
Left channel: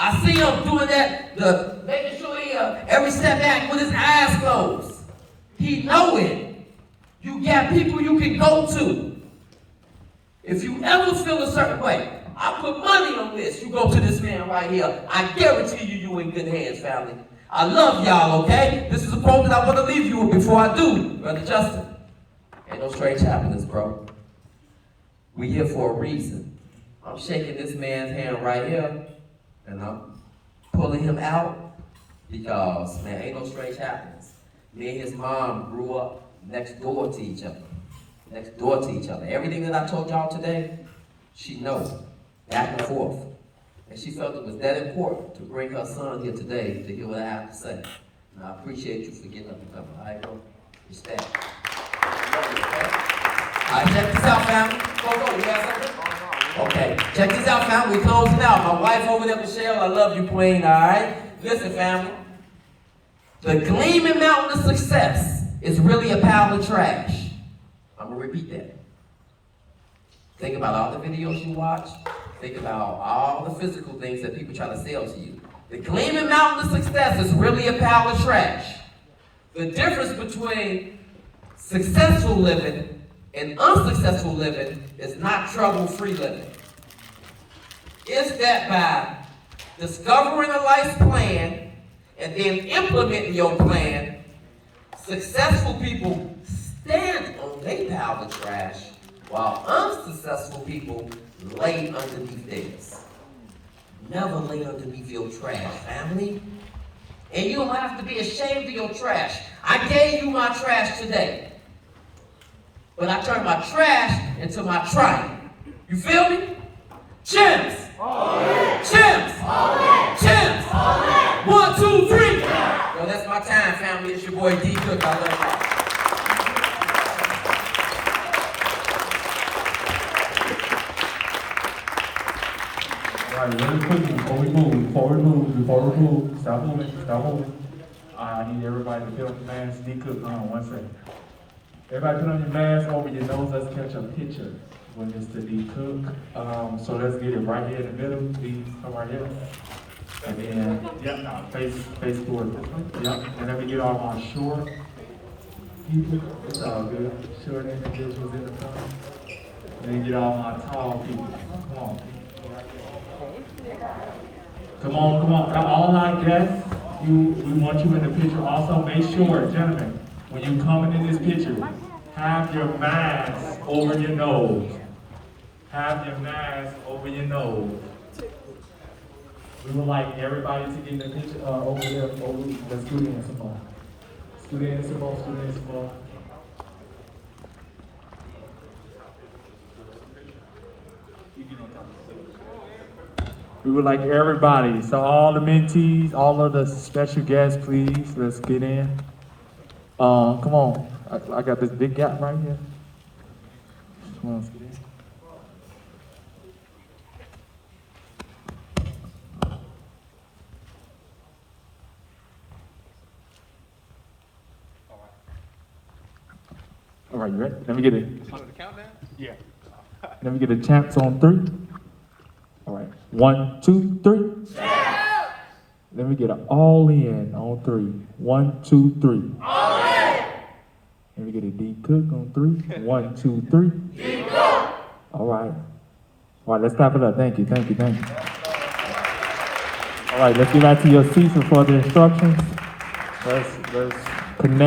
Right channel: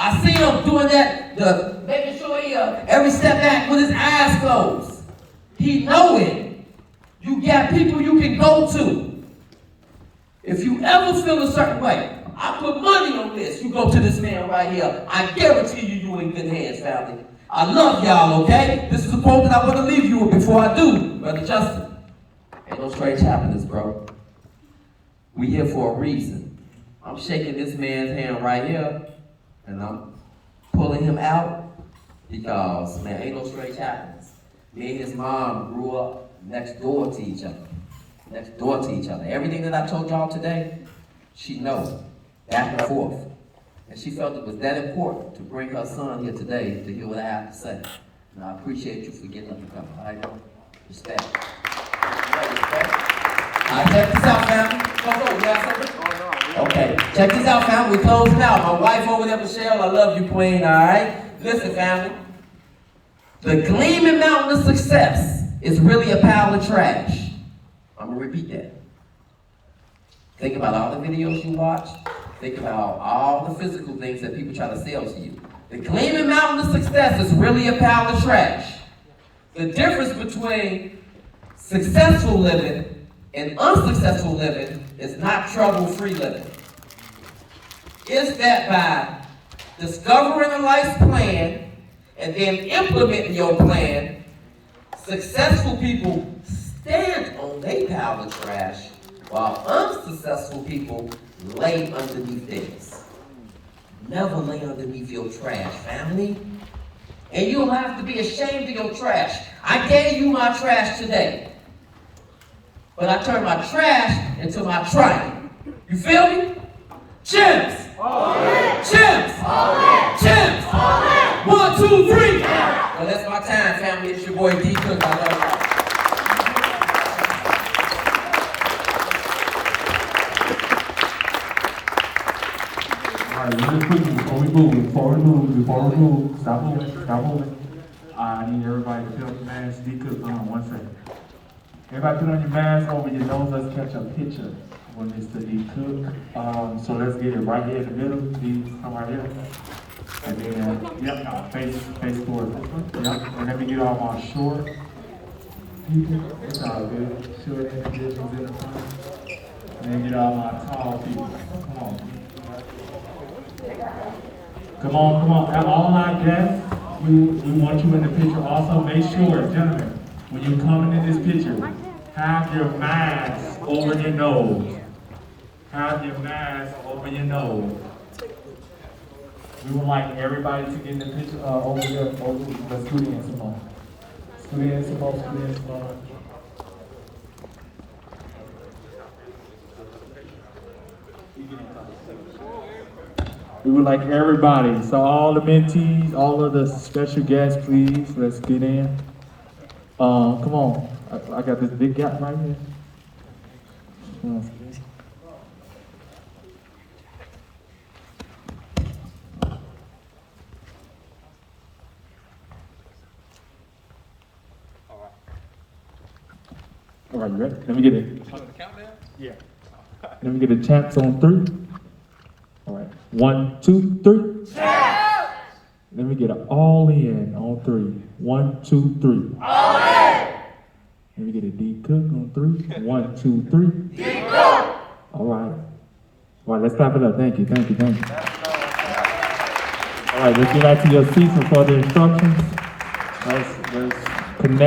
I see him doing that, making sure he every step back with his eyes closed. He know it. You got people you can go to. If you ever feel a certain way, I put money on this. You go to this man right here. I guarantee you in good hands, family. I love y'all, okay? This is a quote that I want to leave you with before I do, Brother Justin. Ain't no strange happiness, bro. We here for a reason. I'm shaking this man's hand right here, and I'm pulling him out because, man, ain't no strange happiness. Me and his mom grew up next door to each other. Next door to each other. Everything that I told y'all today, she knows. Back and forth. And she felt it was that important to bring her son here today to hear what I have to say. And I appreciate you for getting up and coming. I know. Respect. All right, check this out, family. Go, you have something? Okay, check this out, family. We closing out. My wife over there, Michelle, I love you, queen, all right? Listen, family. The gleaming mountain of success is really a pile of trash. I'm going to repeat that. Think about all the videos you watch. Think about all the physical things that people try to sell to you. The gleaming mountain of success is really a pile of trash. The difference between successful living and unsuccessful living is not trouble-free living. It's that by discovering a life's plan and then implementing your plan, successful people stand on their pile of trash, while unsuccessful people lay underneath theirs. Never lay underneath your trash, family. And you don't have to be ashamed of your trash. I gave you my trash today. But I turned my trash into my triumph. You feel me? Champs! Champs! Champs! 1, 2, 3! Well, that's my time, family. It's your boy D Cook. I love y'all. All right, really quickly before we move, stop moving. I need everybody to put on your mask. D Cook, hold on 1 second. Everybody put on your mask over your nose. Let's catch a picture with Mr. D Cook. So let's get it right here in the middle. D, come right here. And then, face toward this one. Yep, and let me get all my short people. It's all good. Short individuals in the front. And then get all my tall people. Come on. Come on. All our guests, we want you in the picture. Also, make sure, gentlemen, when you're coming in this picture, have your mask over your nose. Have your mask over your nose. We would like everybody to get in the picture over there. Let's scoot in some more. Scoot in some more. We would like everybody, so all the mentees, all of the special guests, please, let's get in. Come on, I got this big gap right here. Come on. All right, you ready? Let me get it. Yeah. Let me get the champs on 3. All right. 1, 2, 3. Champs! Let me get an all in on 3. 1, 2, 3. All in. Let me get a D Cook on 3. 1, 2, 3. D Cook. All right. All right, let's clap it up. Thank you, thank you, thank you. All right, let's get back to your seats for further instructions. Let's connect.